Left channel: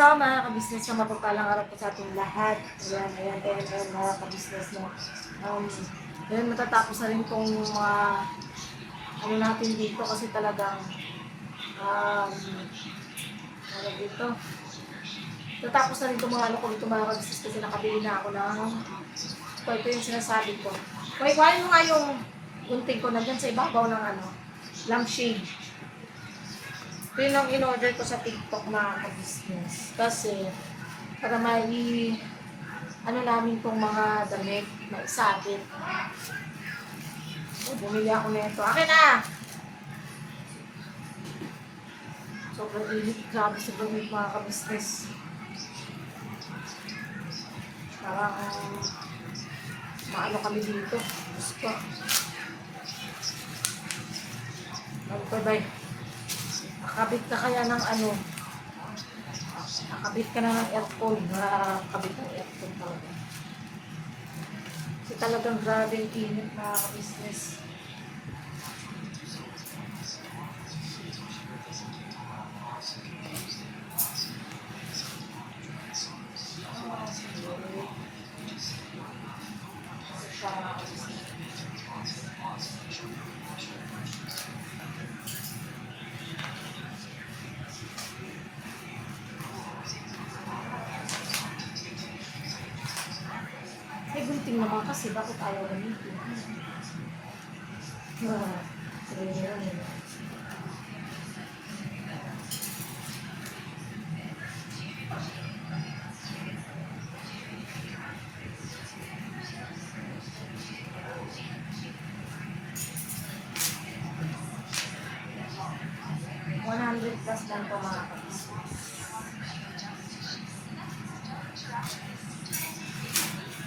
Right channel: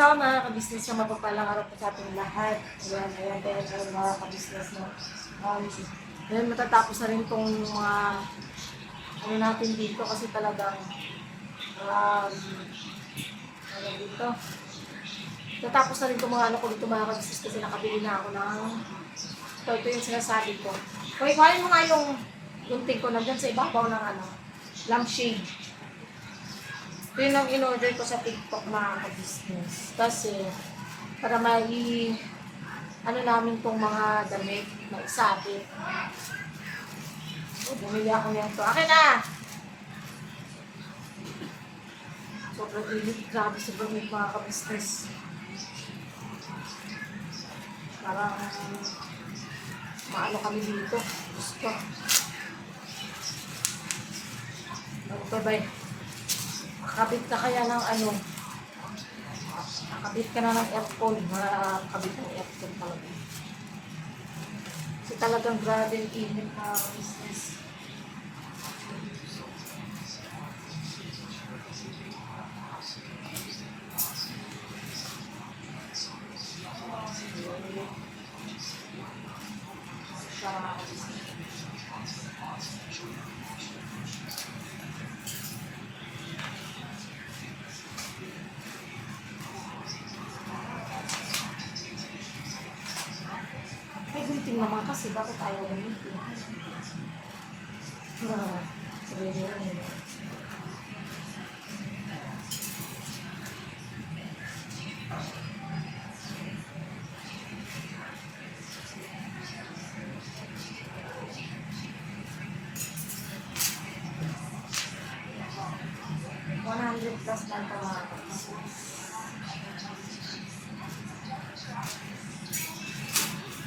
Hello mga ka-business na mapagpalang araw po sa ating lahat. Ayan mga ka-business no. Ayan, matatapos na rin tong mga ano natin dito kasi talagang ano dito. Tatapos na rin itong mga ano ko dito mga ka-business kasi nakabili na ako ng ito yung sinasabi ko. Kuhain mo nga yung gunting ko nandyan sa ibabaw ng ano, lampshade. Ito yun ang in-order ko sa TikTok mga ka-business. Kasi, para ano namin tong mga damit, maisabit. So, bumili ako nito. Akin na! Sobrang init. Grabe, sobrang init mga ka-business. Parang, maano kami dito. Gusto. Magbabay. Nakabit ka kaya ng ano, nakabit ka na ng aircon, nakabit ng aircon talaga. Kasi talagang grabe yung init na business. May gunting naman kasi, bakit ayaw gamitin? Sabi niya yan eh. $100 plus lang po mga kapatid.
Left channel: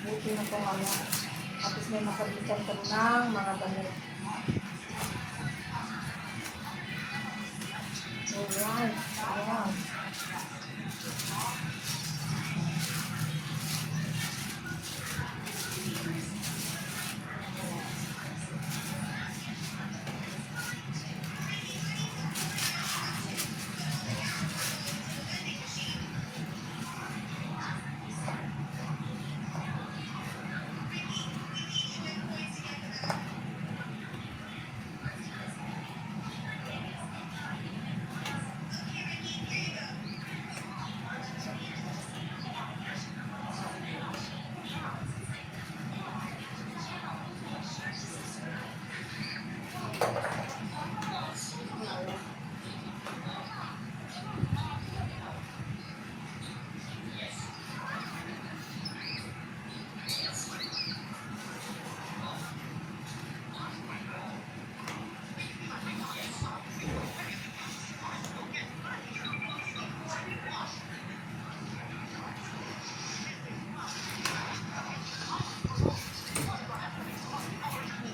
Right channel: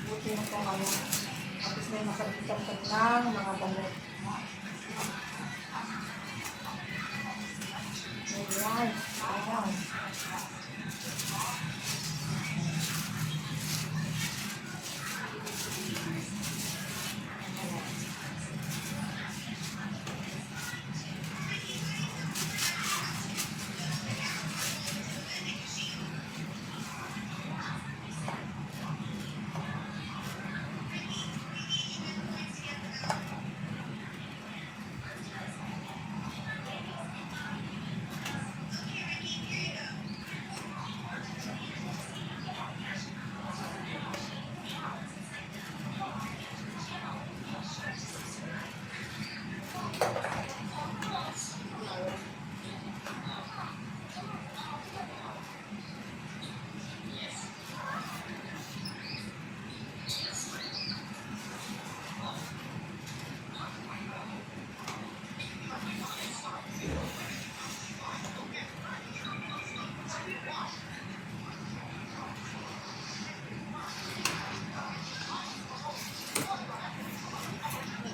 Buti na po ano. Tapos may makabitan ka ng mga damit. Ayan. Ayan.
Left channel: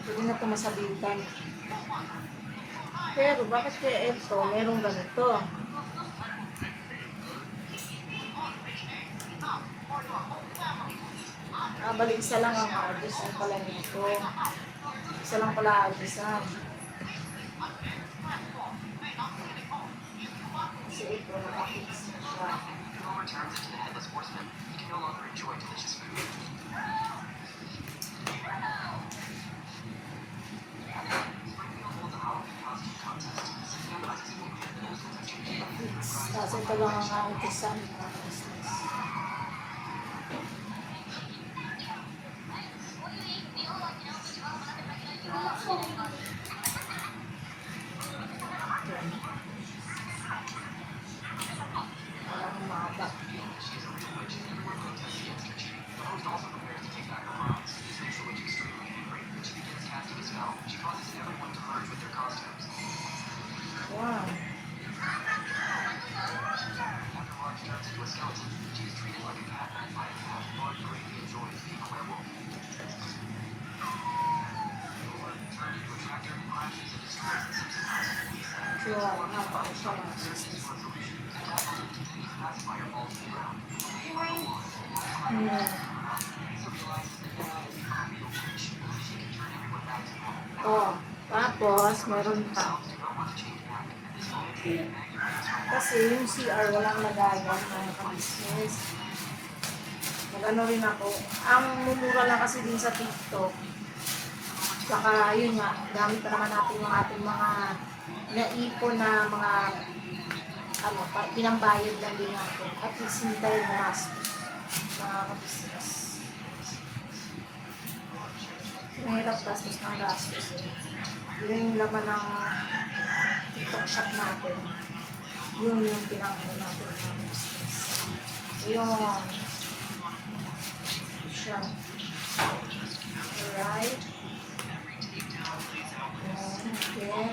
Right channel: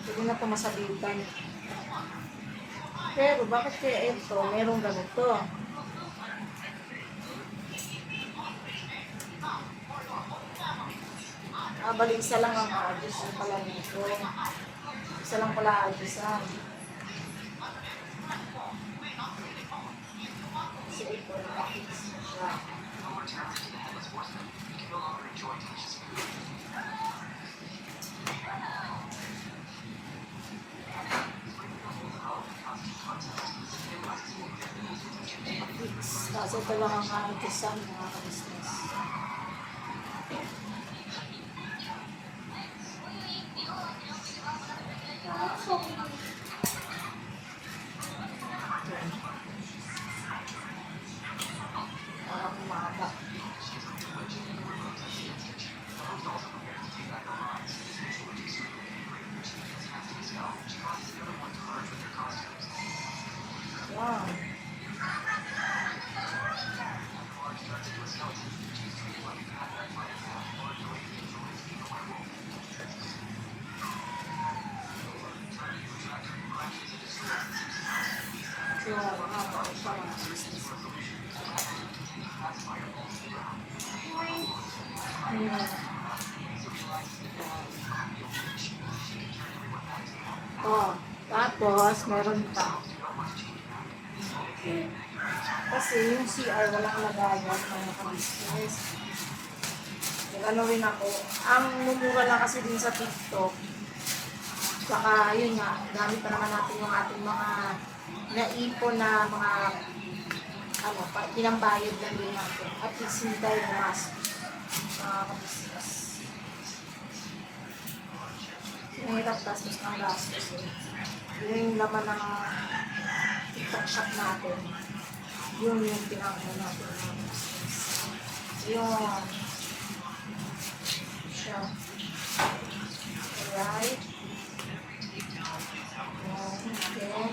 Hindi na ito masabitan. Pero bakit kaya ito merong ganito? Bali isa lang ang adjustan pala nito. Isa lang pala adjustan. Kasi ito nakafix na siya. Kasi ito lang ang adjustan mga business. Parang umaba. Wow. So, mahaba siya mga business. Oh, tapos meron pa. Kasi yung CR walang lagayan mga ka-business. Nag-ano rin ako. Ang mumura lang kasi din sa TikTok. Tsaka yun nga, gamit pa naman natin yung ating mga naipon na mga ano, pinambayad lang din natin. At least hindi tayo gumastos mga ka-business. Mahirap gastos ng gastos eh. Yun yung laman ng TikTok shop natin. Yun yung pinangko natin ng business. Yun. Siya. Alright. Then,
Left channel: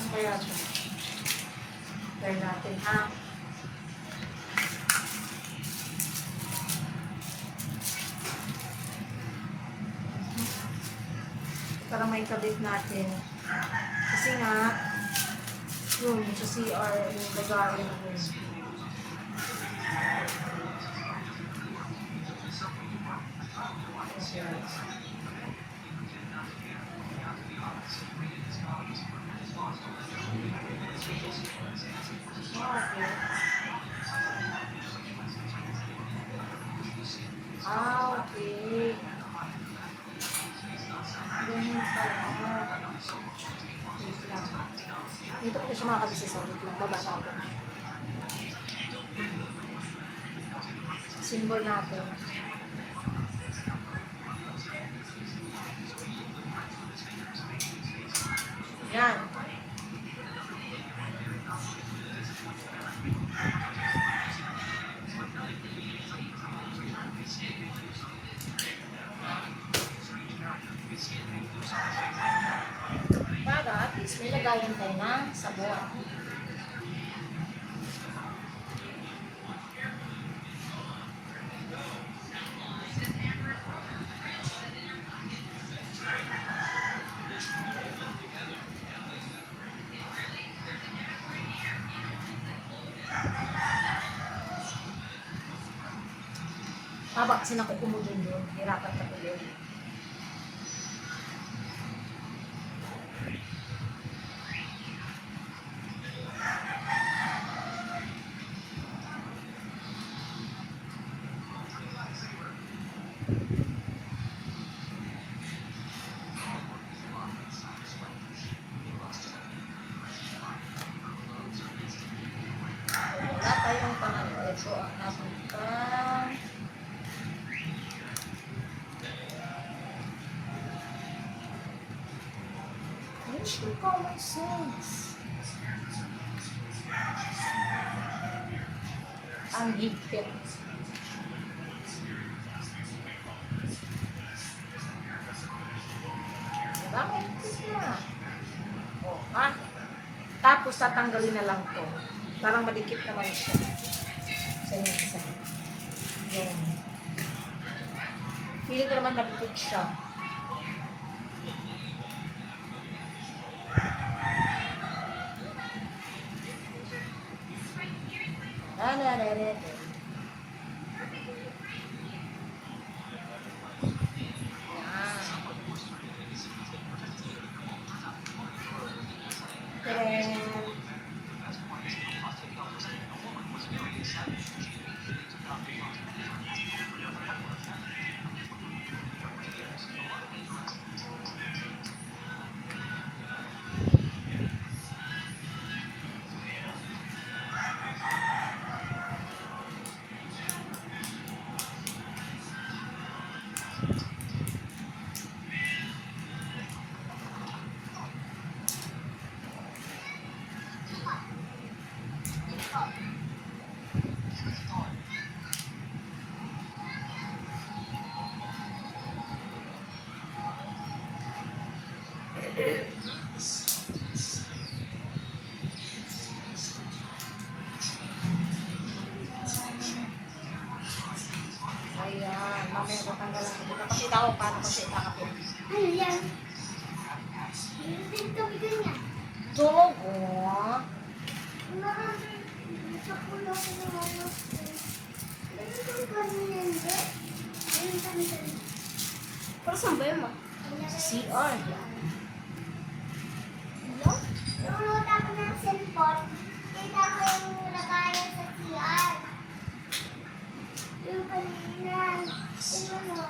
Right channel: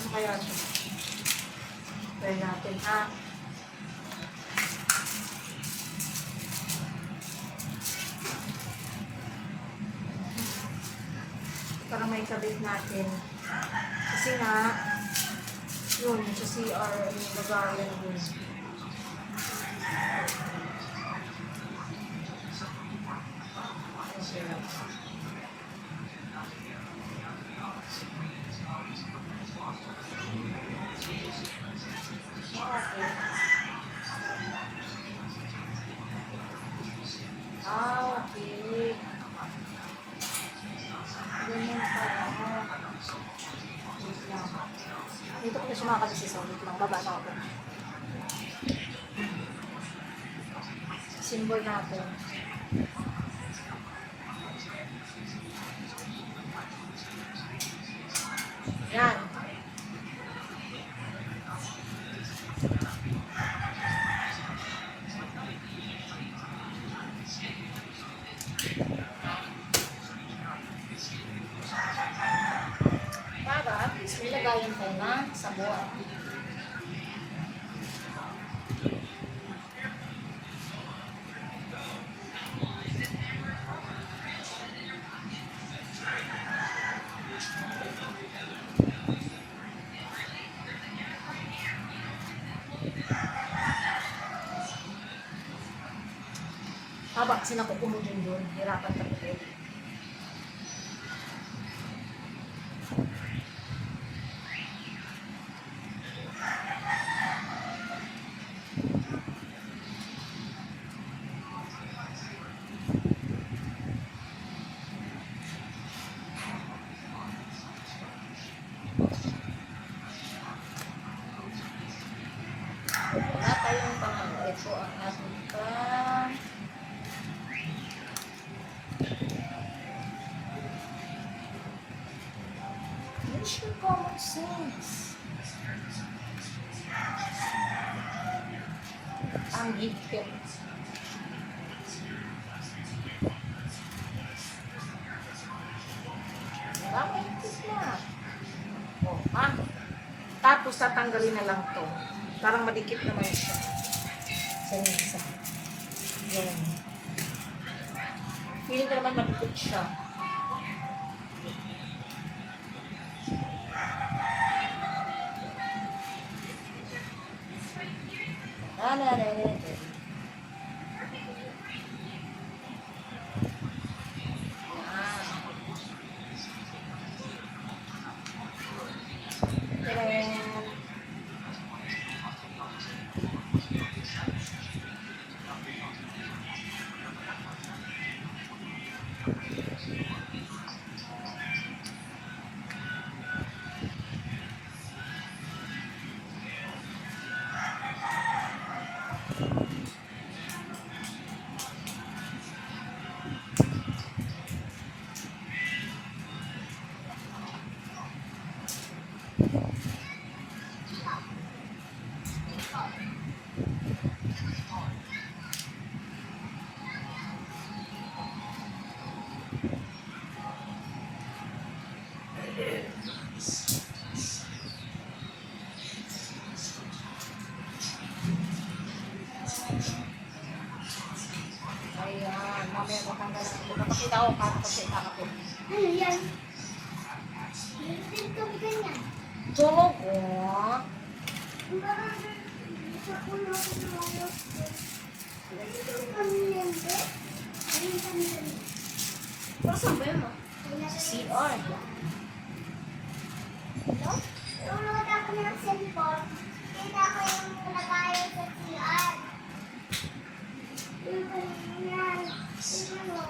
ano kaya ito? Try natin ha. Para may kabit natin. Kasi nga, yun, sa CR, yung lagayan yun. Okay. Okay. Ganyan pala. Wait lang. Dito ko siya mga kabisi. So, wait lang. Baba na ako. Symbol natin. Yan. Para at least may lagayan tayo na sabon. Haba kasi nakukumo doon. Hirapan ka tuloy. Wala tayong pangano. Ito ang ating pang... Use your common sense. Ang higpit. Maraming higpit na. O, ha? Tapos tatanggalin na lang to. Parang madikit naman siya. Sa yung isa. Yan. Feeling ko naman madikit siya. Ayan, mamaya tatanggalan ko. Napakita ko paano ko siya itakapin. Ano yan? Hindi kami ganyan. Tulog ko. Sa puno ko ng mga hindi kami yan, be. Hindi kami ganyan. Pero saan ba yun, ma? Sa CR. Nanonood ako ng cellphone. Kita ko yung nalagayan sa CR. Yung kanina. Tingnan mo.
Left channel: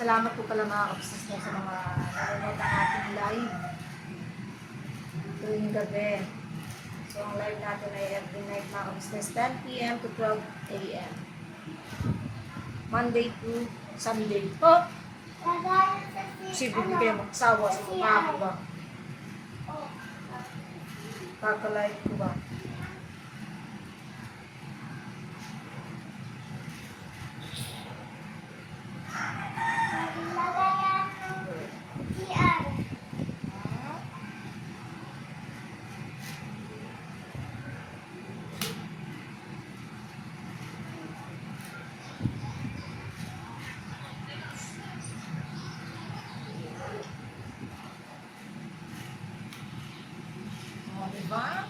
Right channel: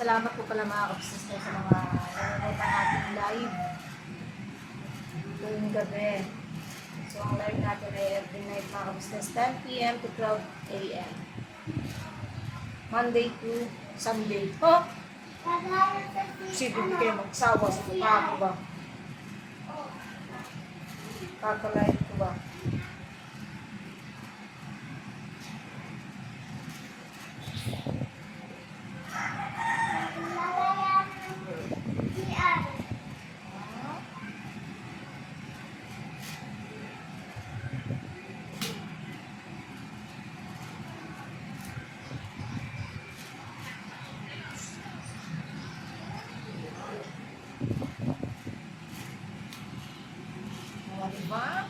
Salamat po pala mga kapsis sa mga nanonood ng ating live tuwing gabi. So, ang live natin ay every night mga kapsis, 10 p.m. to 12 a.m. Monday to Sunday. Oh! Nalagayan sa CR. Sige, hindi kayo magsawa sa mukha ko ba? Kaka-live ko ba? Nalagayan ng CR. O, diba?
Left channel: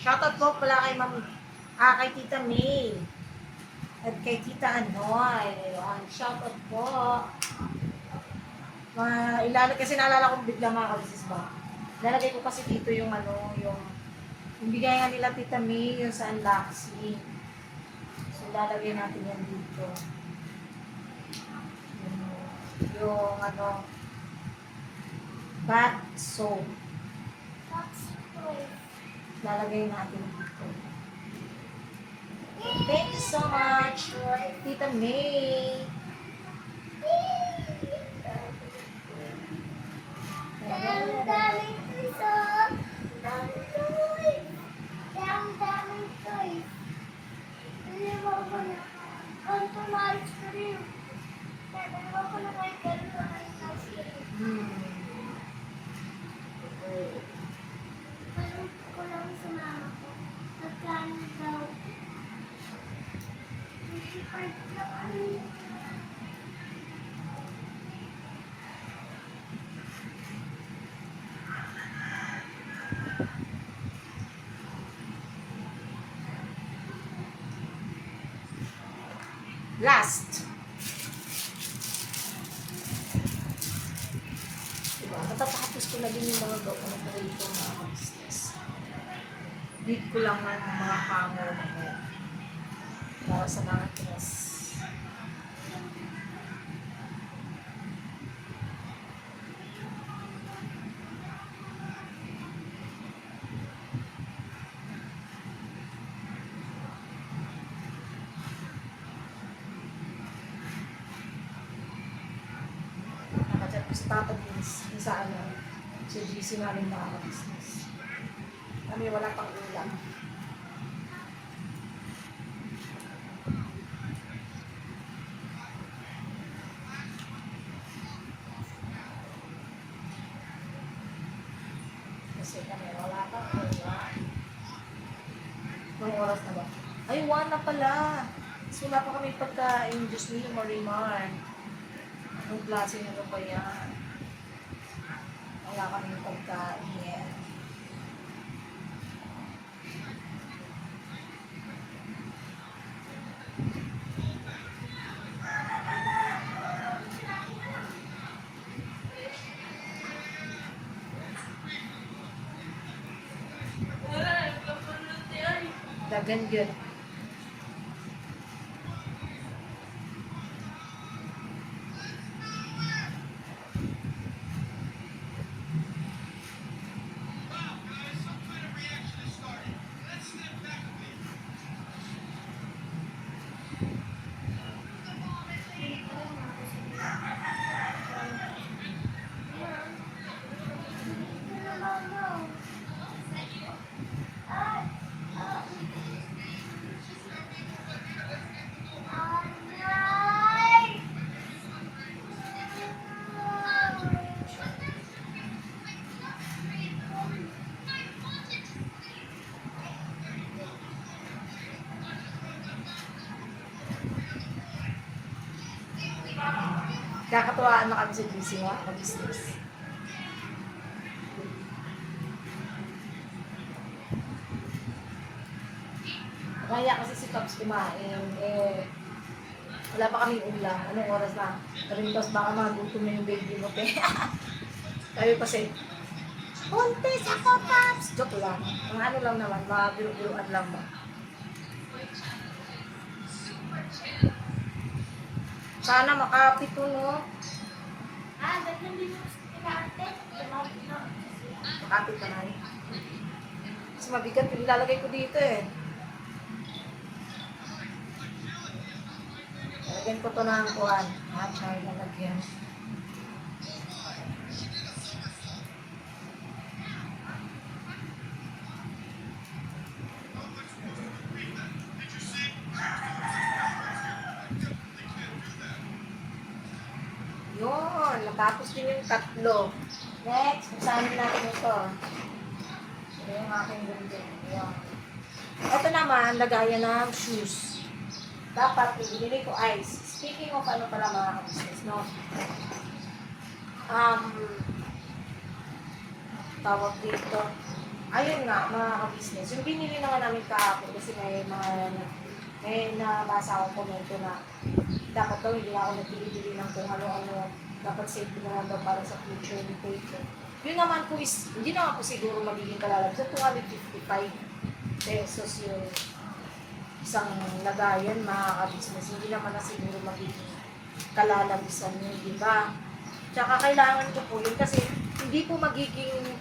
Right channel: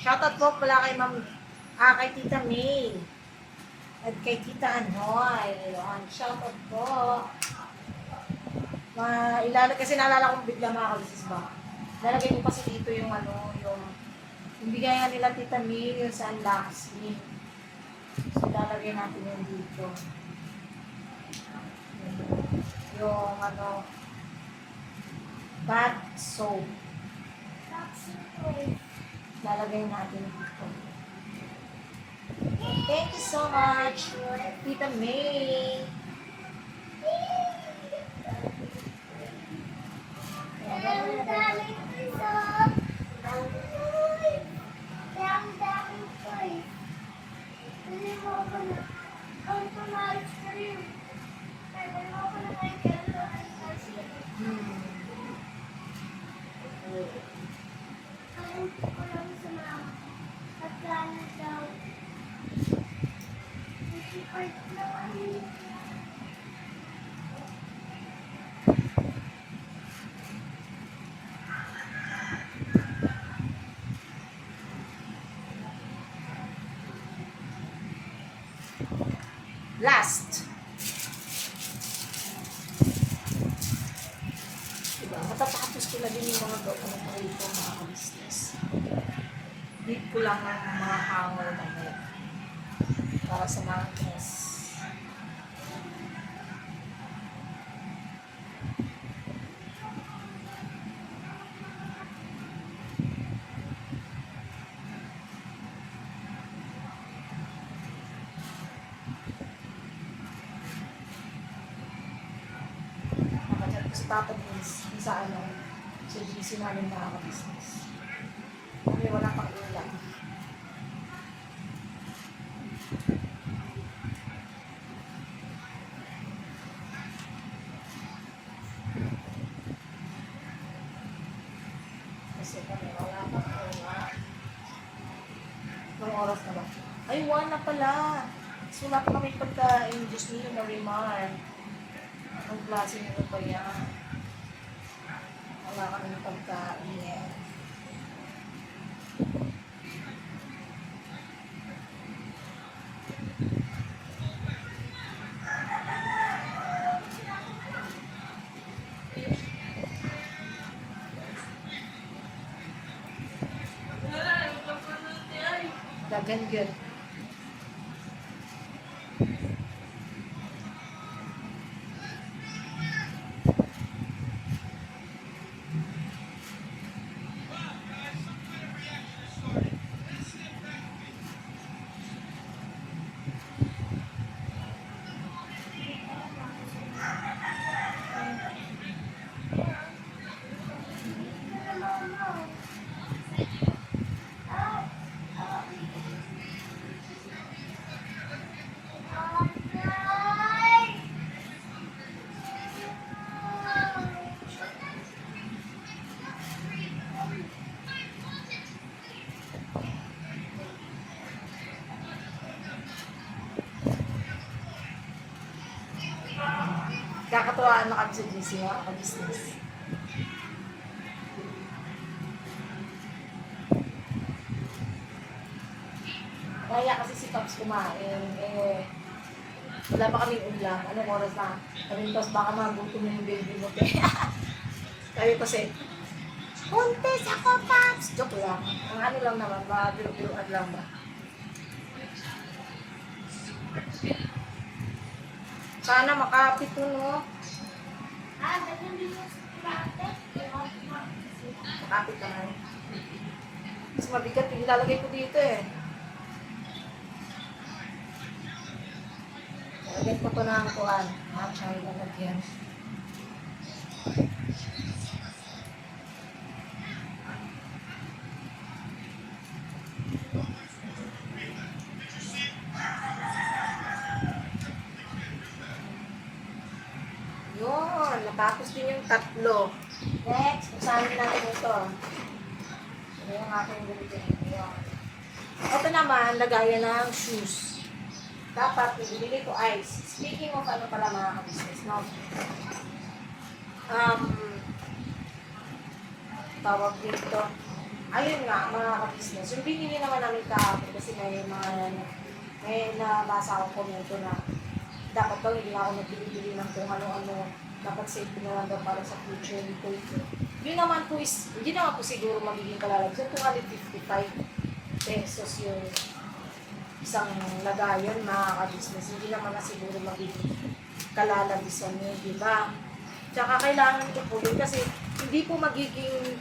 Shoutout po pala kay kay Tita May. At kay Tita Anoy. Ayun, shoutout po. Kasi naalala ko bigla mga kabisis ba? Lalagay ko kasi dito yung yung bigay nga nila Tita May, yung sa unboxing. So, lalagay natin yan dito. Yung bath soap. Lalagay natin dito. Thank you so much, Tita May. Ang dami ito. Ang dami. Ang dami ito eh. Hindi mo ako na. Ang tumalis ka rin. Sabi mo ako na may gano'n ay kasi. Parang ko lang sa mama ko. Pagkano daw. Hindi part lang ano yun. Last. Diba? Matatapos ko na din yung mga gawa ko rito mga business. Need ko lang ng mga hanger na hair. Para sa mga dress. Nakachat ko sa Tata Beans, sa sa GC namin mga business. Kami wala pang ulam. Kasi kami wala pang ulam. Anong oras na ba? Ay, 1 na pala. So, wala pa kami pagkain. Diyos niyo, Marimar. Anong klase nito ba yan? Wala kami pagkain. Dagan good. Kakatuwaan na kami sa GC mga ka-business. Kaya kasi si Pops kumain, wala pa kaming ulam. Anong oras na? Sabi ko, baka magutom na yung baby mo, te. Sabi ko kasi, buntis ako, Pops! Joke lang. Ang ano lang naman, mga biro-biroan lang ba? Sana makapito, no? Ganyan din yung ate. Makapit naman. Mas mabigat yung ilalagay ko dito eh. Lagyan ko to ng kuhan. Matchay na lagyan. Yun, natapos din yung tatlo. Next, usahin natin ito. Ito yung aking building. Yun. Ito naman, lagayan ng shoes. Dapat, binili ko ice. Speaking of ano pala mga ka-business, no? Tawag dito. Ayun nga, mga ka-business. Yung binili naman namin kahapon kasi may nabasa akong komento na dapat daw hindi na ako nagbili ng kung ano-ano. Dapat save ko na lang daw para sa future ni Kuya. Yun naman po is, hindi naman po siguro magiging kalalabas. So, 255 pesos yung isang lagayan, mga ka-business. Hindi naman na siguro magiging kalalabisan yun, di ba? Tsaka kailangan ko po yun kasi hindi po magiging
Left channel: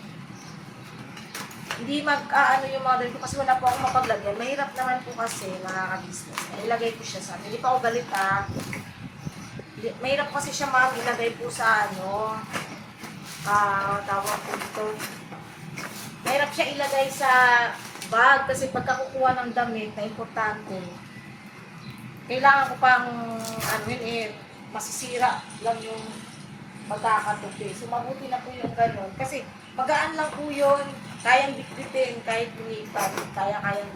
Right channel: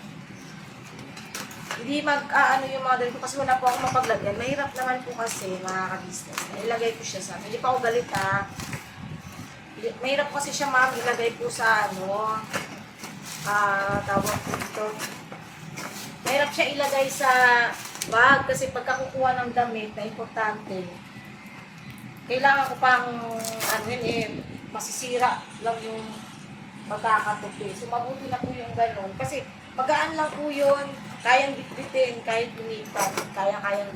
hindi ano yung mga ganito kasi wala po akong mapaglagay. Mahirap naman po kasi mga ka-business. Ilagay ko siya sa hindi pa ako galit Mahirap kasi siya ilagay po sa tawag po dito. Mahirap siya ilagay sa bag kasi pagka kukuha ng damit na importante, kailangan ko pang masisira lang yung magkakatupi. So mabuti na po yung ganun. Kasi magaan lang po yun. Kayang bitbitin, kahit lumipat. Kayang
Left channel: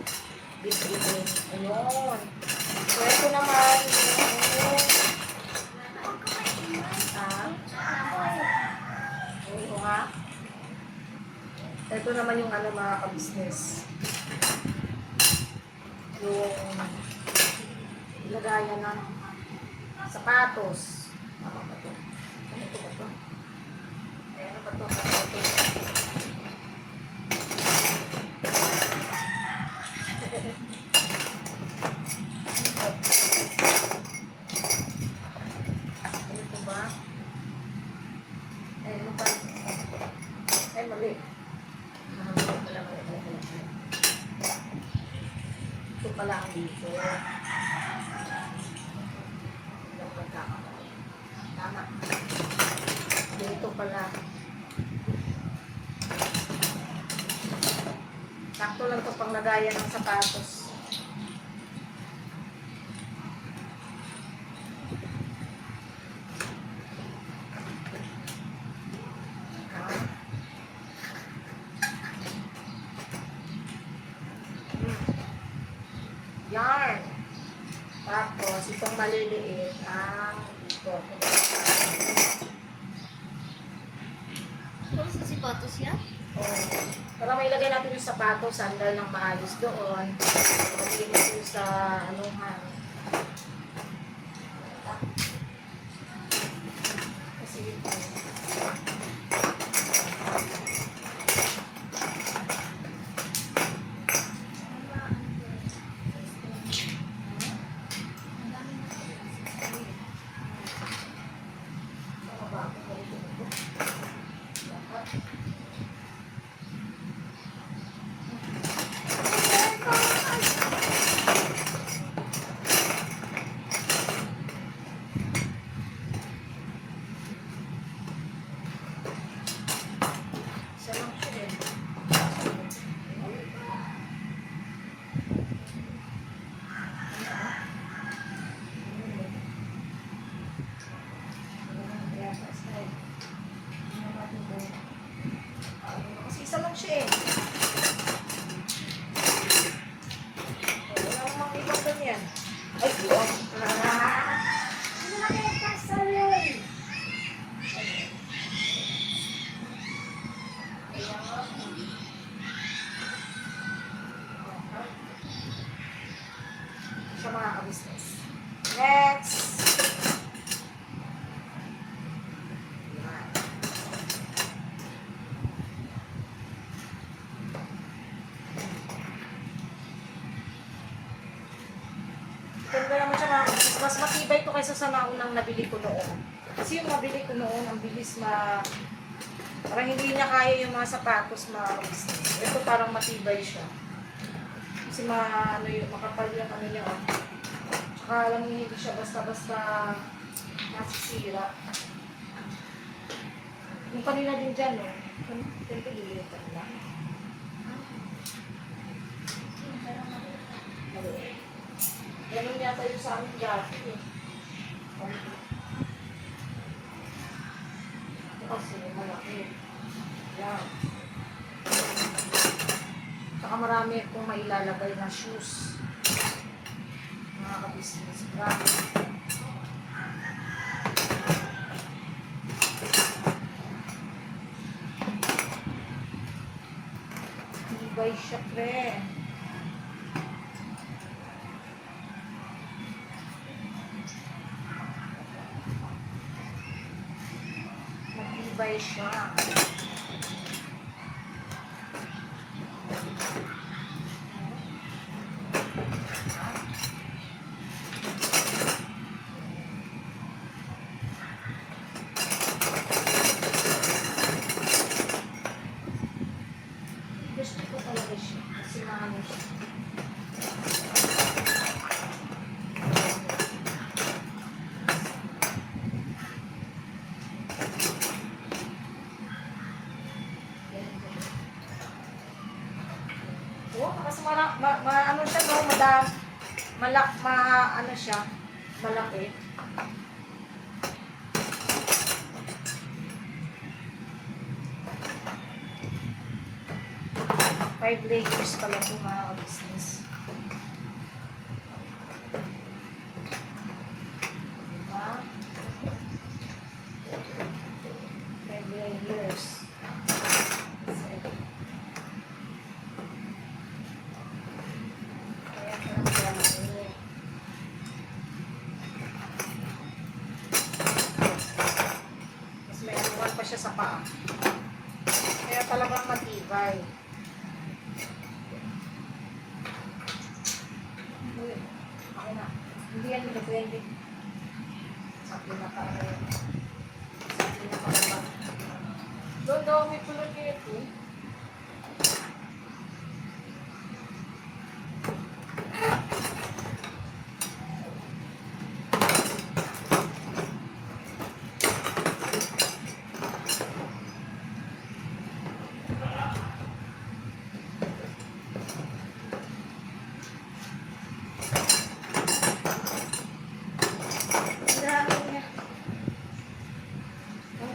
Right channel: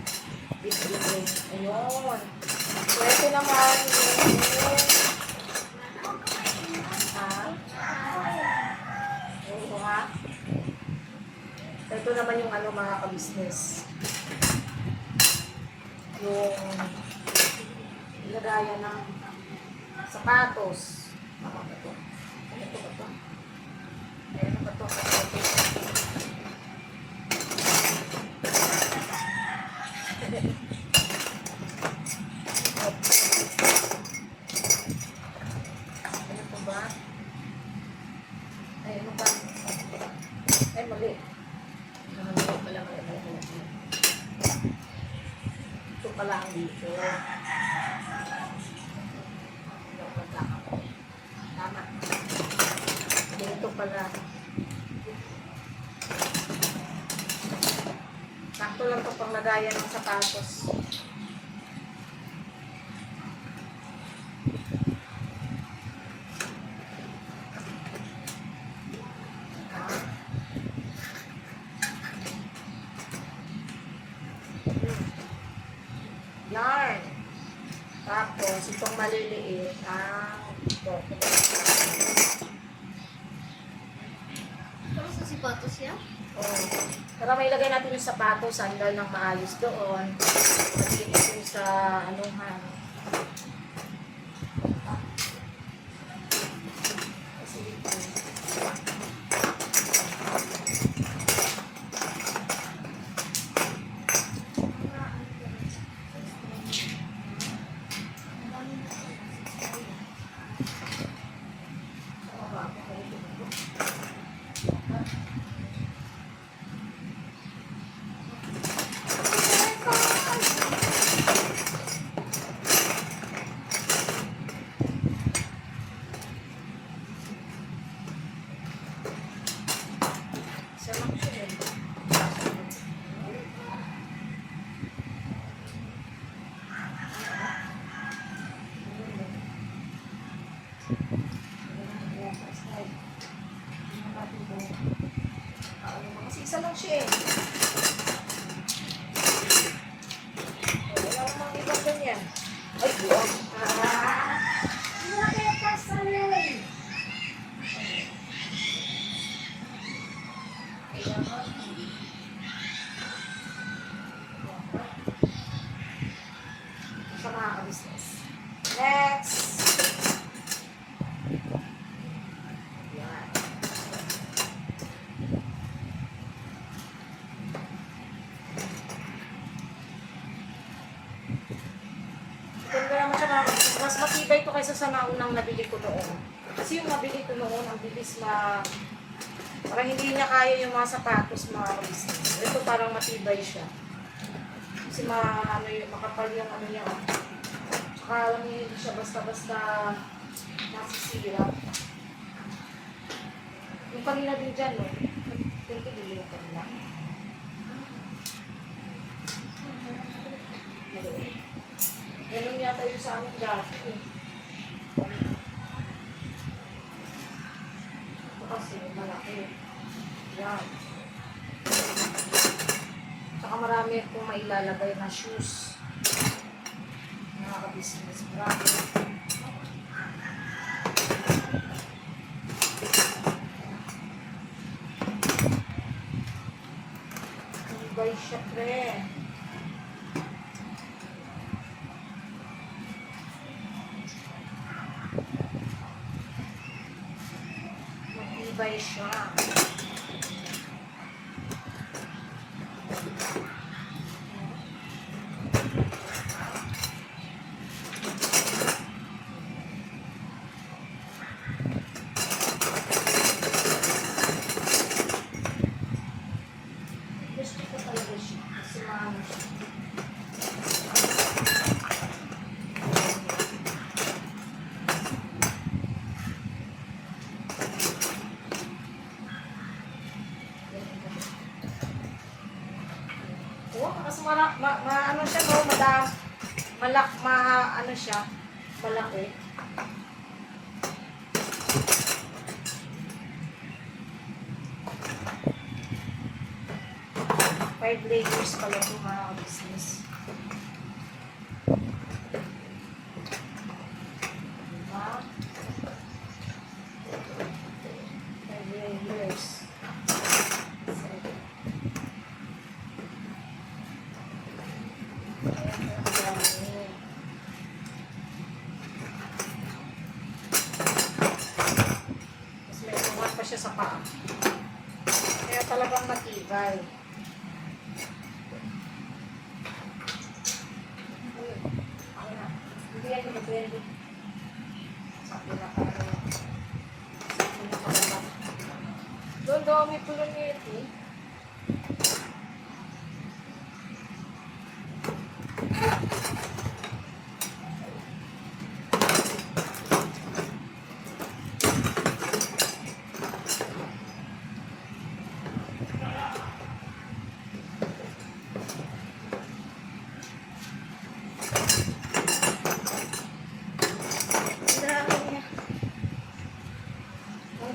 bitbitin. Ayun. So ito naman yung oo nga. Ito naman yung mga ka-business. Yung lagayan ng sapatos. Tama ba ito? Ano ito ba ito? Ayan ba ito? Ano ito ba? Ay, ano pa? Ay, mali. Mali. Ito pala ang dito. Tama. Dito pala. Sakto lang ito pang lagayan ng sapatos. Yarn. Tapos, itong maliliit ang ito. Tapos sa sipatos yan? Oh. Para may ilagay natin yung sapatos, sandal ng maayos doon. Pag-inis yung sa anuhan. Kasi dito. Isa lang siya eh. Kasi isa lang siya eh. Wala namang ibang ganyan. Ay, buwag. Ano na kaya kasalay? siya mga ka-business. Next. Yan. Ganda naman siya mga ka-business. Mas matibay ito kaysa sa naunang nabili ko noon. Kasi yung nabili ko noon, ang bilis parang hindi niya kaya yung mga sapatos mga ka-business. Ito parang matibay siya. Kasi makapal yung ano niya. Oh. Tsaka alam niyo, hindi siya basta-basta nasisira. Yung kanina din dyan, no? Ito dili yung kanina. Ganun yata yung sa amin dati. Ito kasi malaki. Yan. Saka marami akong mailalagay na shoes. Mga ka-business. Marami. Ibay siya, pre. Matibay siya. Gusto ko talaga siya. Kasi maano siya. Oo, kasi ano siya, no? Ano siya, malaki. Five layers pala ito mga ka-business. Diba? 5 layers. Mas may uwan pa siya sa paa. Kaya talagang matibay. Ako na. Hindi yan pwede. Sabi na parang sabi na parang doon daw may tulad niya ito.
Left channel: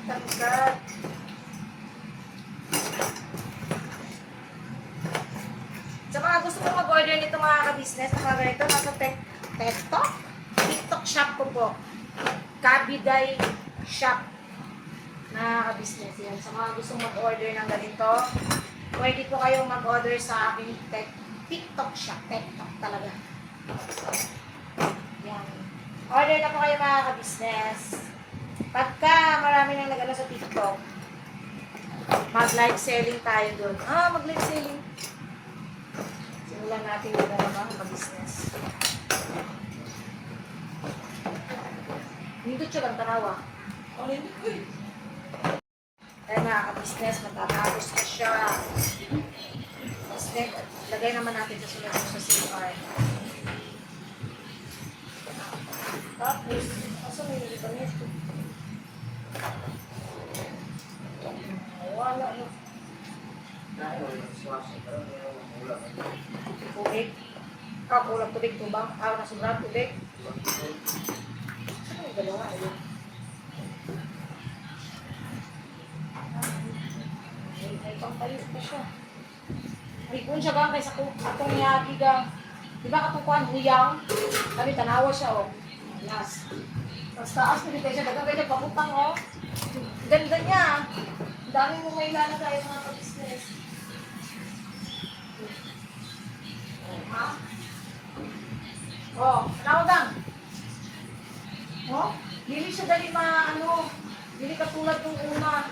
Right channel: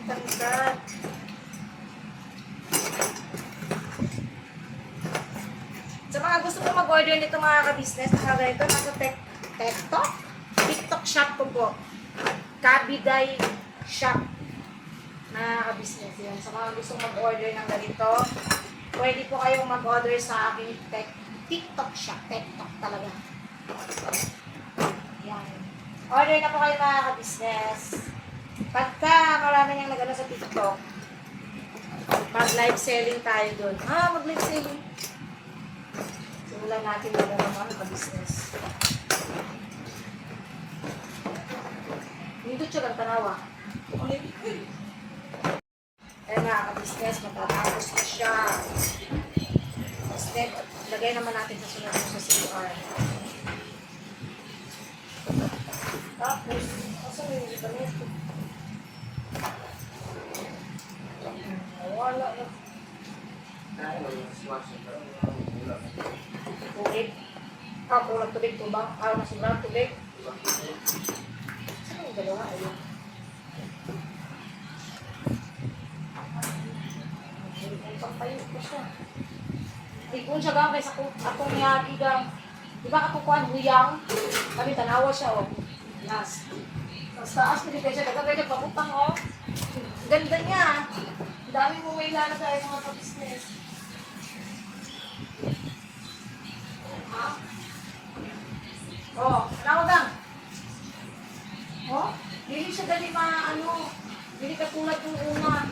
Tangkat. Sa mga gusto ko mag-order nito mga ka-business, mga ganito, nasa TikTok shop ko po. Kabiday shop na ka-business. Yan. Sa mga gusto mag-order ng ganito, pwede po kayong mag-order sa aking TikTok shop. TikTok talaga. Yan. Order na po kayo mga ka-business. Pagka marami nang nag-ano sa TikTok, mag-live selling tayo doon. Mag-live selling. Simulan natin yung mga ka-business. Dito siya lang tanawa. Kaya mga ka-business, matatapos na siya. Tapos lagay naman natin sa sunod sa CR. Tapos, asan yung iba nito? Wala na. Tubig. Kulang tubig. Tubang. Nasubrang tubig. Saan yung dalawa? Ayun. May pampayo pa siya. Ay, kung siya gang kaysa atong yagi gang. Di ba katukuan? Huyang. Kami tanawa siya, oh. Nas. Tapos taas ko dito siya. Dagang ganyan paputang, oh. Ganda niya. Ang dami mo may lalagay mga ka-business. Ha? Oh, nakudang. Oh, hindi siya dali hindi katulad yung una.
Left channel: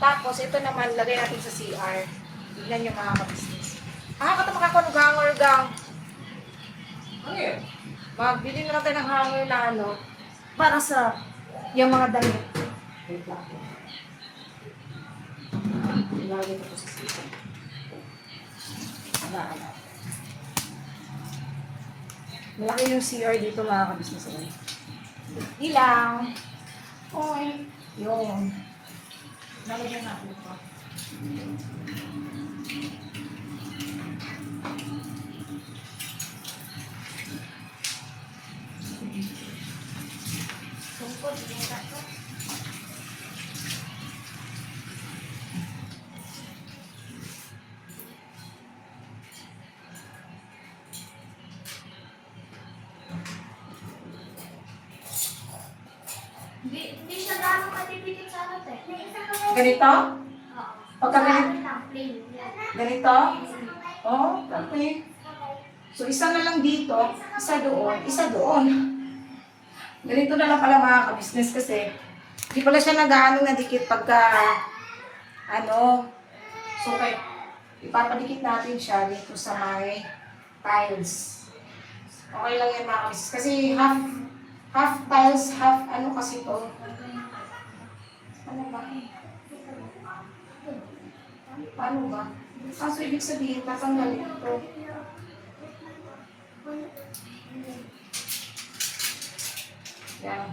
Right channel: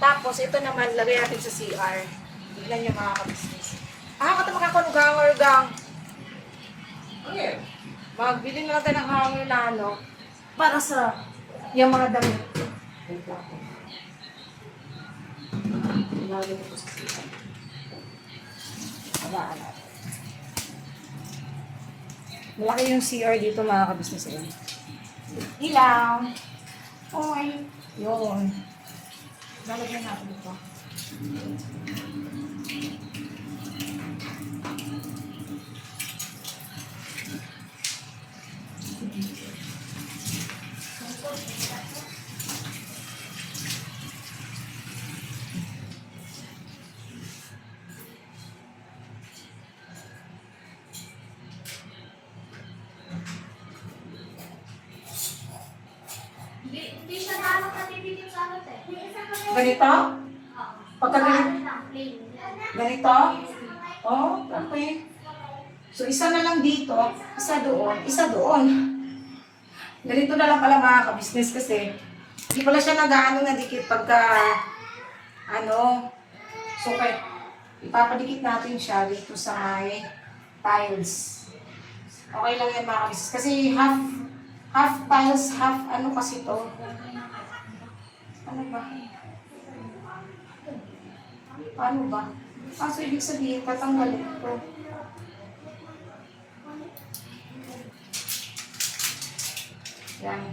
Tapos, ito naman, lagay natin sa CR. Tignan nyo mga ka-business. Kata makakunog hanger gang. Ano yun? Magbili na natin ng hanger na para sa yung mga damit. Wait lang. Ilagay ko sa CR. Habaan natin. Malaki yung CR dito mga ka-business. Ilaw. Oy. Yun. Lalagyan natin ito. Hindi siya gano'ng katipikit sa akin eh. Ganito? Oo. Pagka ganito? Lang, plain. Ganito? Oh, okay. So, isa na lang dito, isa doon, isa doon. Ganito na lang pala mga ka-business kasi hindi pala siya nag-ano na dikit pagka so okay, ipapadikit natin siya dito sa may tiles. Okay lang yan mga ka-business kasi half tiles, half kasi to. Ano ba? Paano ba? So ibig sabihin, tatanggalin ito. Yan.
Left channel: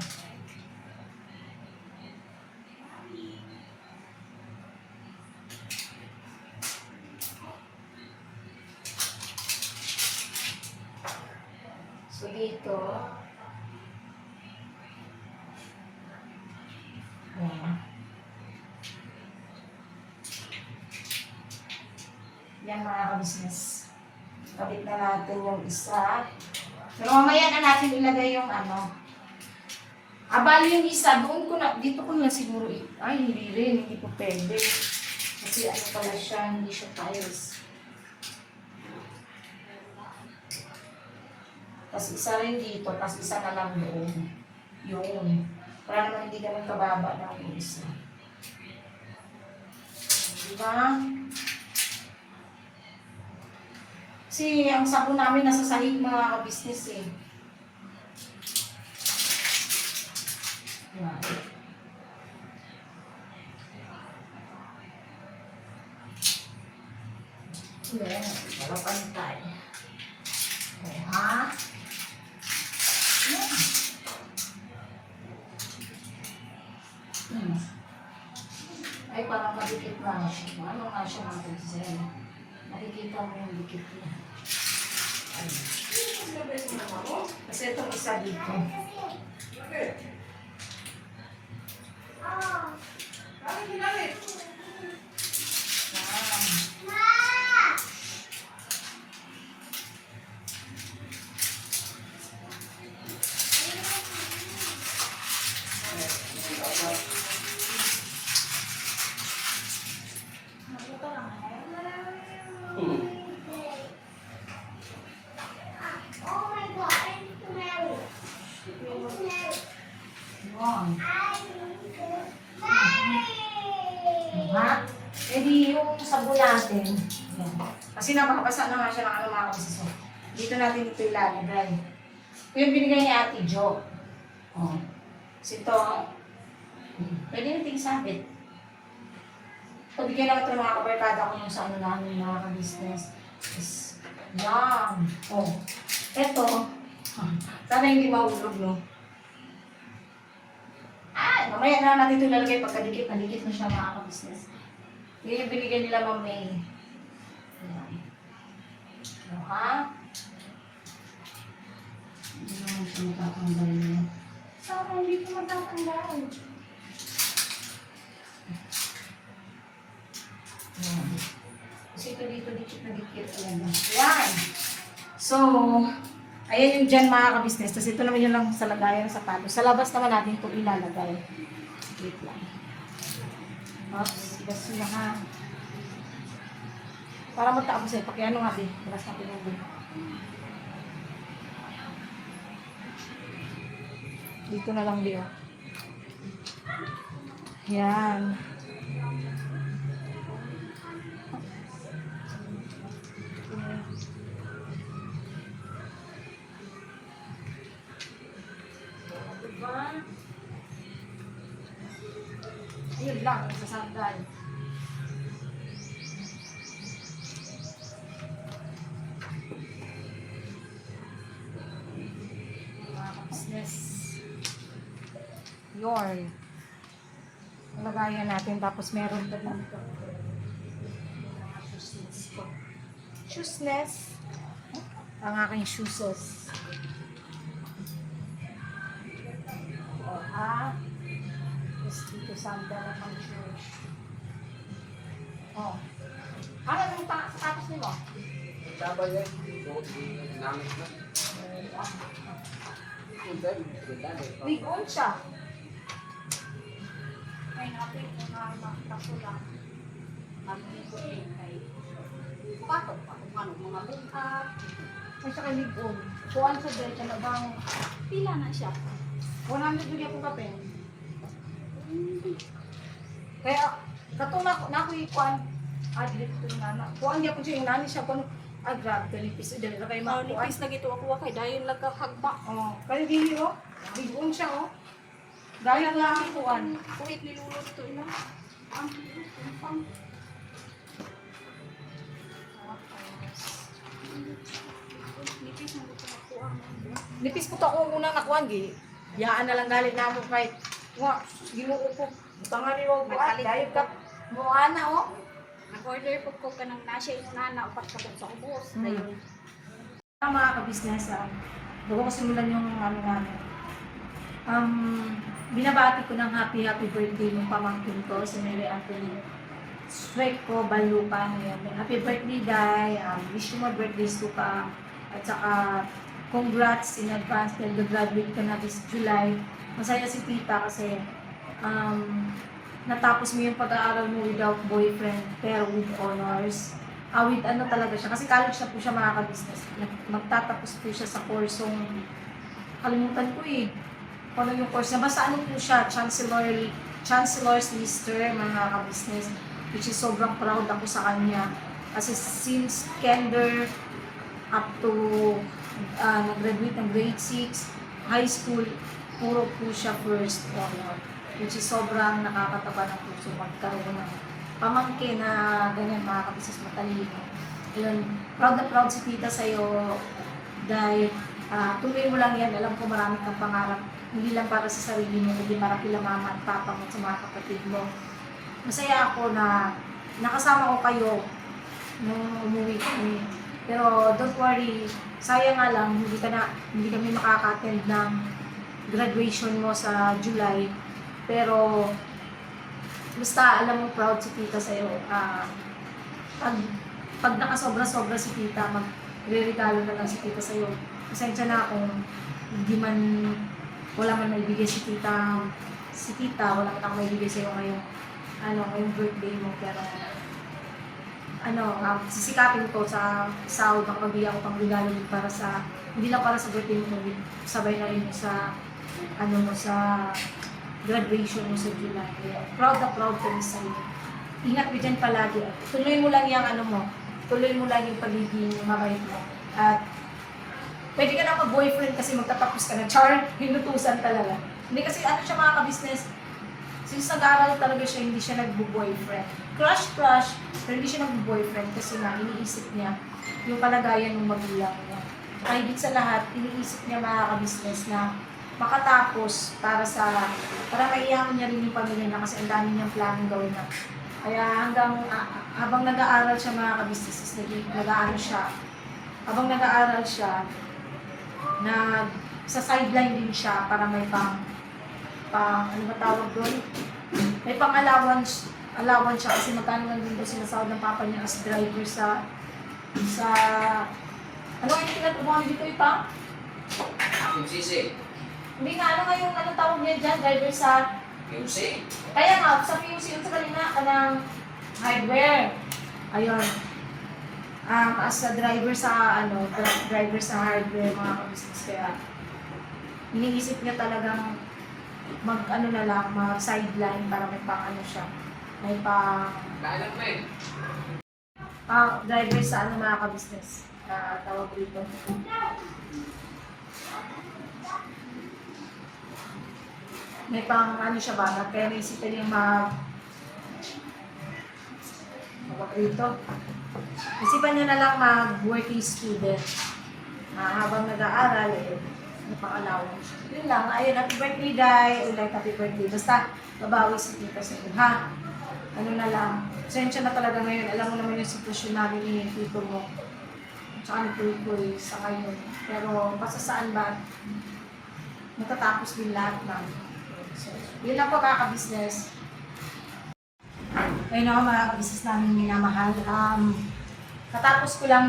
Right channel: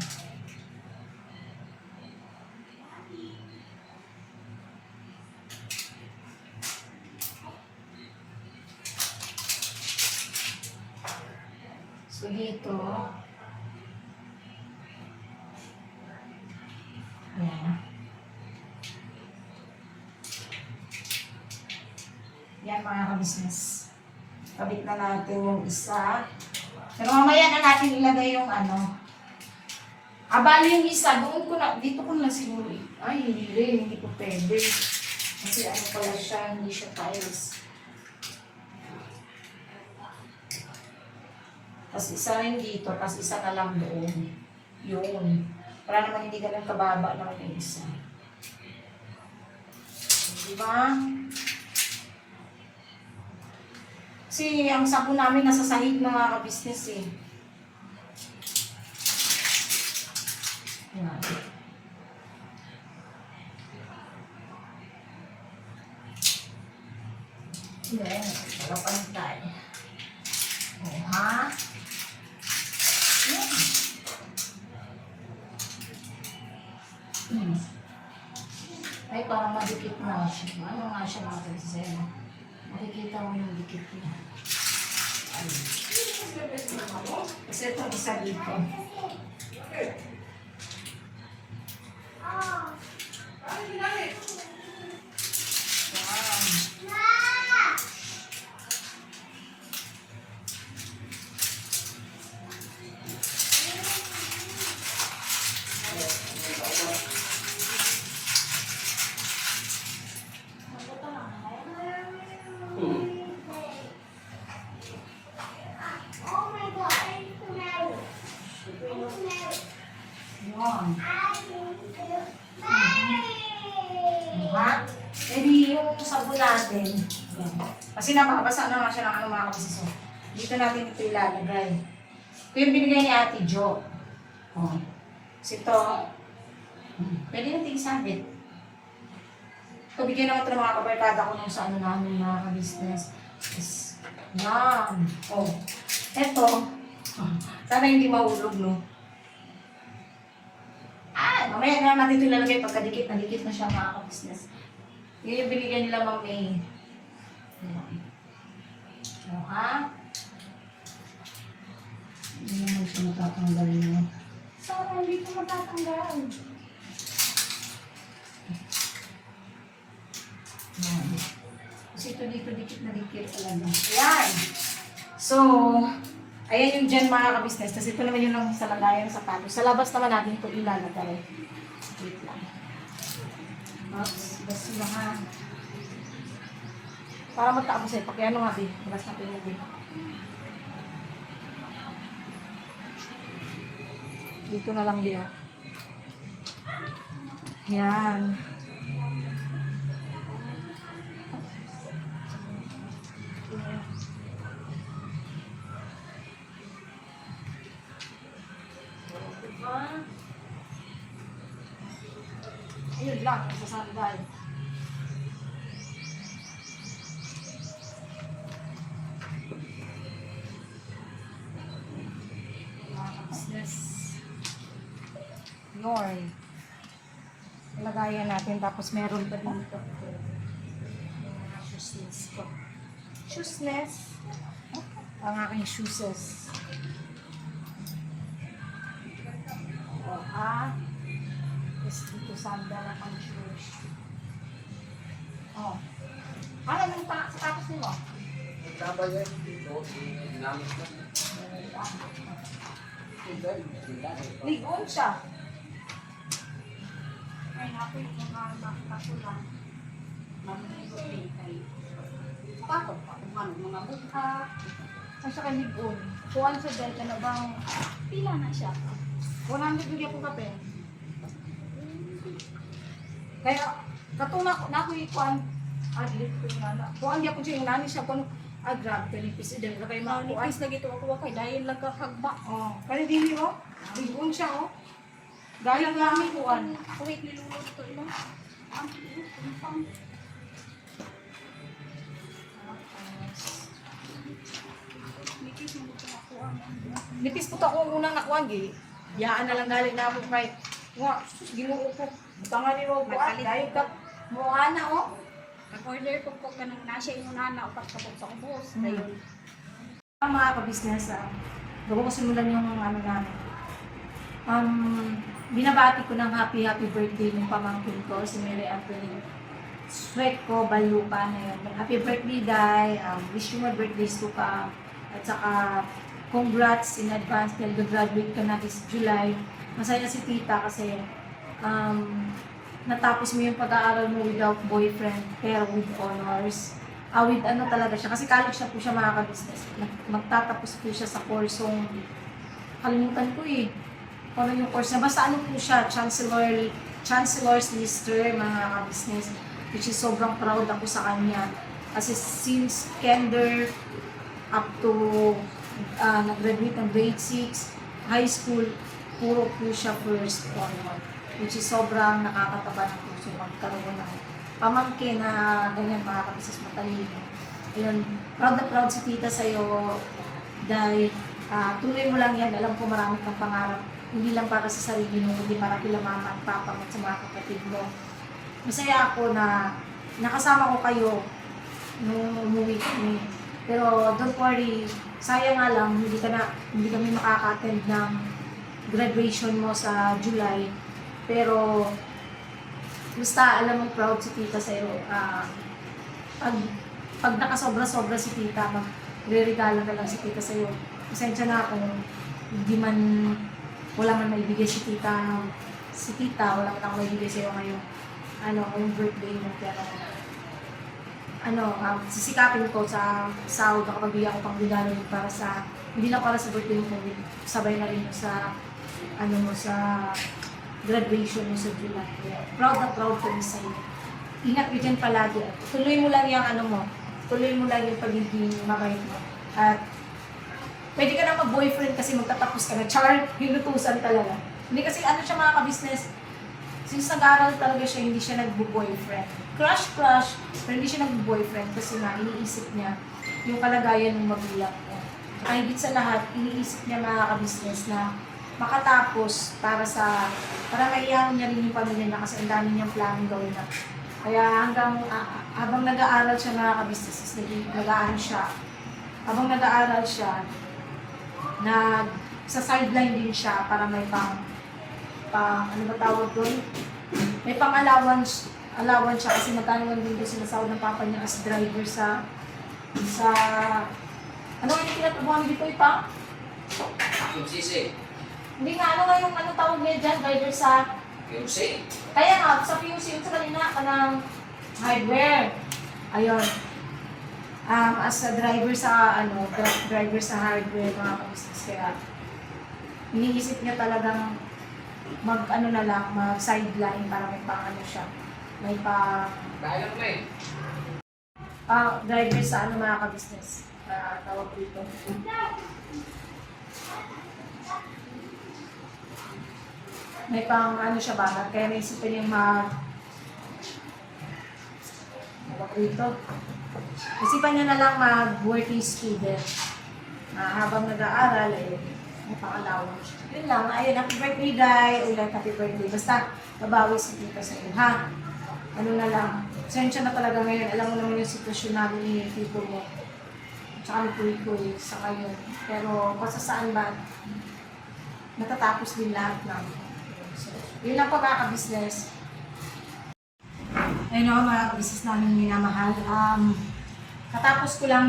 So dito. Ayan. Yan mga ka-business. Kabit na natin yung isa. Pero mamaya na natin ilagay yung bali yung isa, dito ko na siguro ay, hindi rin, hindi ko pwede. Kasi pala siya, hindi siya tiles. Tapos isa rin dito, tapos isa na lang doon. Yun. Para naman hindi ganun kababa lang yung isa. Diba? Kasi ang sabon namin nasa sahig ng mga business eh. Yan. Yan. Para pantay. O ha? Yan. Ay, parang madikit na siya. Ano nga siya natin sa sa'yo? Makikita mo yung dikit niya. Ay. Kasi itong isa dito. Oh my God, I need to marry. Yan. I need to marry. Diba? Eh di yung sabon natin. Yan. Kasi nakakabasa na nga siya ng mga kapisiso. Dito natin ito ilalagay. Ito yung binigay ni Ate Jo. Oh. Kasi ito, pwede natin isabit. Pabigyan naman ito ng mga kabarkada ko nung sa namin mga ka-business. Yes. Yan. Oh. Ito. Sana hindi mahulog, no? Mamaya na natin ito ilalagay pagkadikit. Nadikit na siya mga ka-business. Yun yung binigyan nila Ma'am May. Ayan. O, ha? Hindi naman siya matatanggal niya. Sana hindi ko matatanggal. Ayan. Kasi ito dito, dikit na dikit. Ayan. Ayan. So, ayan yung dyan mga ka-business. Tapos ito naman yun lang sa lagayan ng sapatos. Sa labas naman natin ito ilalagay. Wait lang. Oops, basi lang ha. Para matapos eh, pakiano nga, babe. Balas na pinubin. Dito na lang dia. Yan. Diba? Ayun lang, sa sandal. Business. Yorn. Lagayan natin, tapos meron pa dito. Mga shoesness ko. Shoesness. Ang aking shoeses. O, tapos dito sandal ang pang shoes. O. Ano yung sapatos nimo? Magkabay yan. Ito, ginamit na. Ligon siya. Ay, napoy mo na makapula. Mamaligo din kay. Pato pa kung ano, mga buka. Ay siya kay ligon. Kuhan sa Delta na bang Pila na siya. 100 bigyan po kape. Kaya, katong na ako ikuan, adlip ko yung nana. Kuhan niya po siya yung nani siya, kung grab, 20 piso din. Kaya mga kuhan. Nipis na gito ako kay dayon lang kakagba. Oh, kaya dili oh. Ligon siya oh. Gaya nga ang kuhan. Wait, nilulot to ilo. Nipis na gito ako. Nipis po to akong unang nakuhan, gi. Yaan na lang galing na ako kay, nga, ginuo ko. Butangan niyo ko, dahil ka, mukha na oh. Nag-order ko ka ng nasa inunana o pagkabot sa ubos. Hmm. Dayon. Mga ka-business, bago ko simulan yung ano namin. Binabati ko ng happy birthday ng pamangkin ko, si Mary Anthony Sweat ko, Balupa na yun. Happy birthday, Day. Wish you more birthdays to come. At saka, congrats in advance dahil graduate ka na this July. Masaya si tita kasi natapos mo yung pag-aaral mo without boyfriend, pero with honors. With ano talaga siya, kasi college na po siya mga ka-business. Magtatapos po siya sa kursong, kalimutan ko eh, kung ano yung course na, basta ano po siya, Chancellor's Lister mga ka-business, which is sobrang proud ako sa kanya. Kasi since kinder up to nag-graduate ng grade 6, high school, puro po siya first honor, which is sobrang nakakataba ng puso magkaroon ng pamangkin na ganyan mga kabisnes matalino. Ayun, proud na proud si tita sa'yo dahil tuloy mo lang yan. Alam ko marami kang pangarap, hindi lang para sa sarili mo, kundi para kila mama at papa mo at sa mga kapatid mo. Masaya ako na nakasama ko kayo nung umuwi kami. Pero don't worry, sayang nga lang, hindi kami makaka-attend ng graduation mo sa July. Pero basta alam mo proud si tita sa'yo. Pag nakasobra-sobra si tita, magre-regalo na lang si tita sa'yo. Pasensya na kung wala man maibigay si tita, wala man ako maibigay sa'yo ngayong birthday mo. Pero sisikapin ko sa sahod na kapag bigyan ko pang regalo para sa, hindi lang para sa birthday mo, kundi sabay na rin sa sa graduation mo sa July. Proud na proud kami sa iyo. Ingat ka dyan palagi. Tuloy mo lang tuloy mo lang yung pagiging mabait mo. At pwede ka na mag-boyfriend kasi magtatapos ka na. Char, hinutusan talaga. Hindi kasi siya mga ka-business, since nag-aaral talaga siya, hindi siya nag-boyfriend. Crush, pero hindi siya nag-boyfriend kasi nga iniisip niya yung kalagayan ng magulang niya. Kahit sa lahat, iniisip niya mga ka-business na makatapos para maiyawan niya rin yung pamilya niya kasi ang dami niyang planong gawin na. Kaya habang nag-aaral siya mga ka-business, habang nag-aaral siya, sa sideline din siya para may ano ba tawag doon? May allowance siya kasi magkano lang din doon sinasahod ng papa niya as driver sa ano yung pinatubuhan dito ipa? PMCC. Hindi nga, yung tawag niya dyan, driver sa... PMC. Kaya nga, sa PUC, sa kanina ka ng hardware. Ayun. As a driver sa, driver sa hardware, mga ka-business. Kaya, iniisip niya talagang mag-ano na lang, mag-sideline para may pang ano siya. May pang Kailan na eh. driver sa ano mga ka-business na tawag dito. May pang ano siya ba, kaya naisipan yung tawag dito. Isipan niya na lang mag-working student. Habang nag-aaral, may pang-allowance. Yun lang, ayun, happy birthday, Day. Ulit, happy birthday. Basta, babawi sa tita sa iyo, ha? Ano na lang, sensya na talaga ngayon. Alam mo naman yung sitwasyon namin ni tito mo. Tsaka ni Kuy sa ngayon. Pero, basta saan ba, matatapos din lahat namin. So, yun lang po mga ka-business. Ayun ako mga ka-business namin minamahal. Katapos ko lang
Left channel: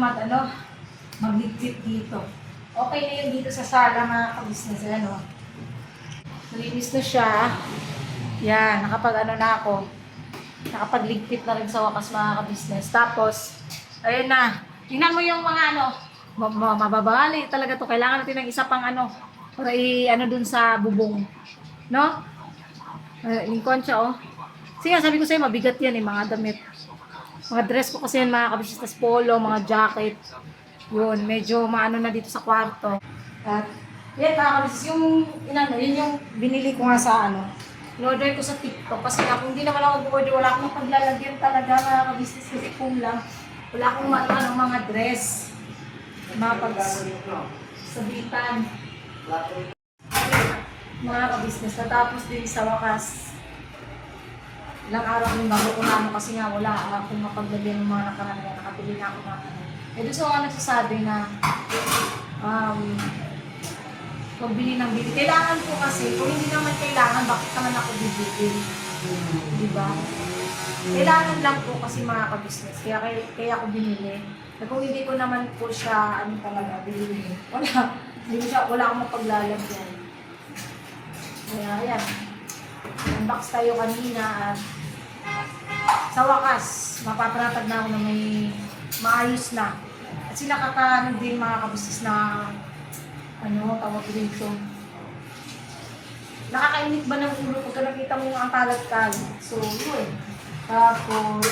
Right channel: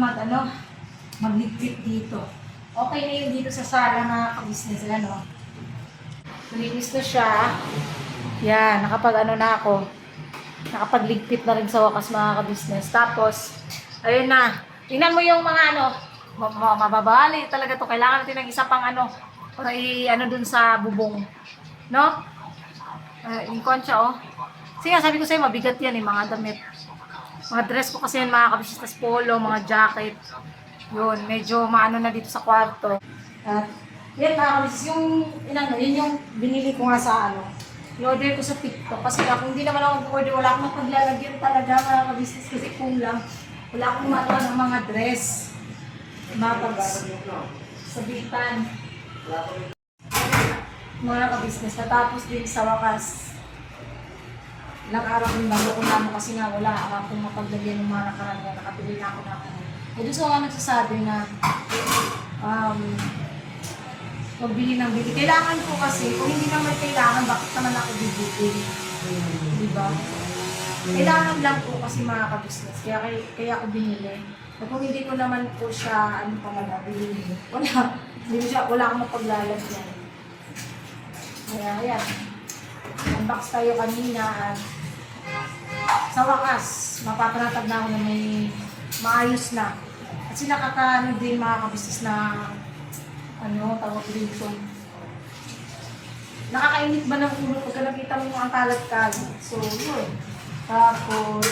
magligpit dito. Okay na yun dito sa sala mga ka-business. Ayan o. Malinis na siya. Yan, na ako. Nakapagligpit na rin sa wakas mga ka-business. Tapos, ayun na. Tingnan mo yung mga mababali talaga to. Kailangan natin ng isa pang para dun sa bubong. No? Yung concha oh. Kasi nga sabi ko sa'yo, mabigat yan mga damit. Mga dress ko kasi yun mga ka-business. Tas polo, mga jacket. Yun, medyo maano na dito sa kwarto. At yan mga ka-business, yun yung binili ko nga sa in-order ko sa TikTok. Kasi kung hindi naman ako order, wala akong paglalagyan talaga mga ka-business kasi kulang. Wala akong maano ng mga dress. Mga pagsabitan. Mga ka-business, natapos din sa wakas. Ilang araw din bago ko naman kasi nga wala akong mapaglagyan ng mga nakaraan. Nakabili na ako ng doon sa mga nagsasabi na magbili ng bili. Kailangan ko kasi, kung hindi naman kailangan, bakit naman ako bibili? Diba? Kailangan lang po kasi mga ka-business. Kaya ako binili. Kung hindi ko naman po siya, talaga, binili. Wala akong mapaglalagyan. Kaya, ayan. Unbox tayo kanina at sa wakas, mapapanatag na ako na may maayos na. Kasi nakakaano din mga kabisnes na tawag dito. Nakakainit ba ng ulo pagka nakita mo ang kalat-kalat? So, yun. Tapos,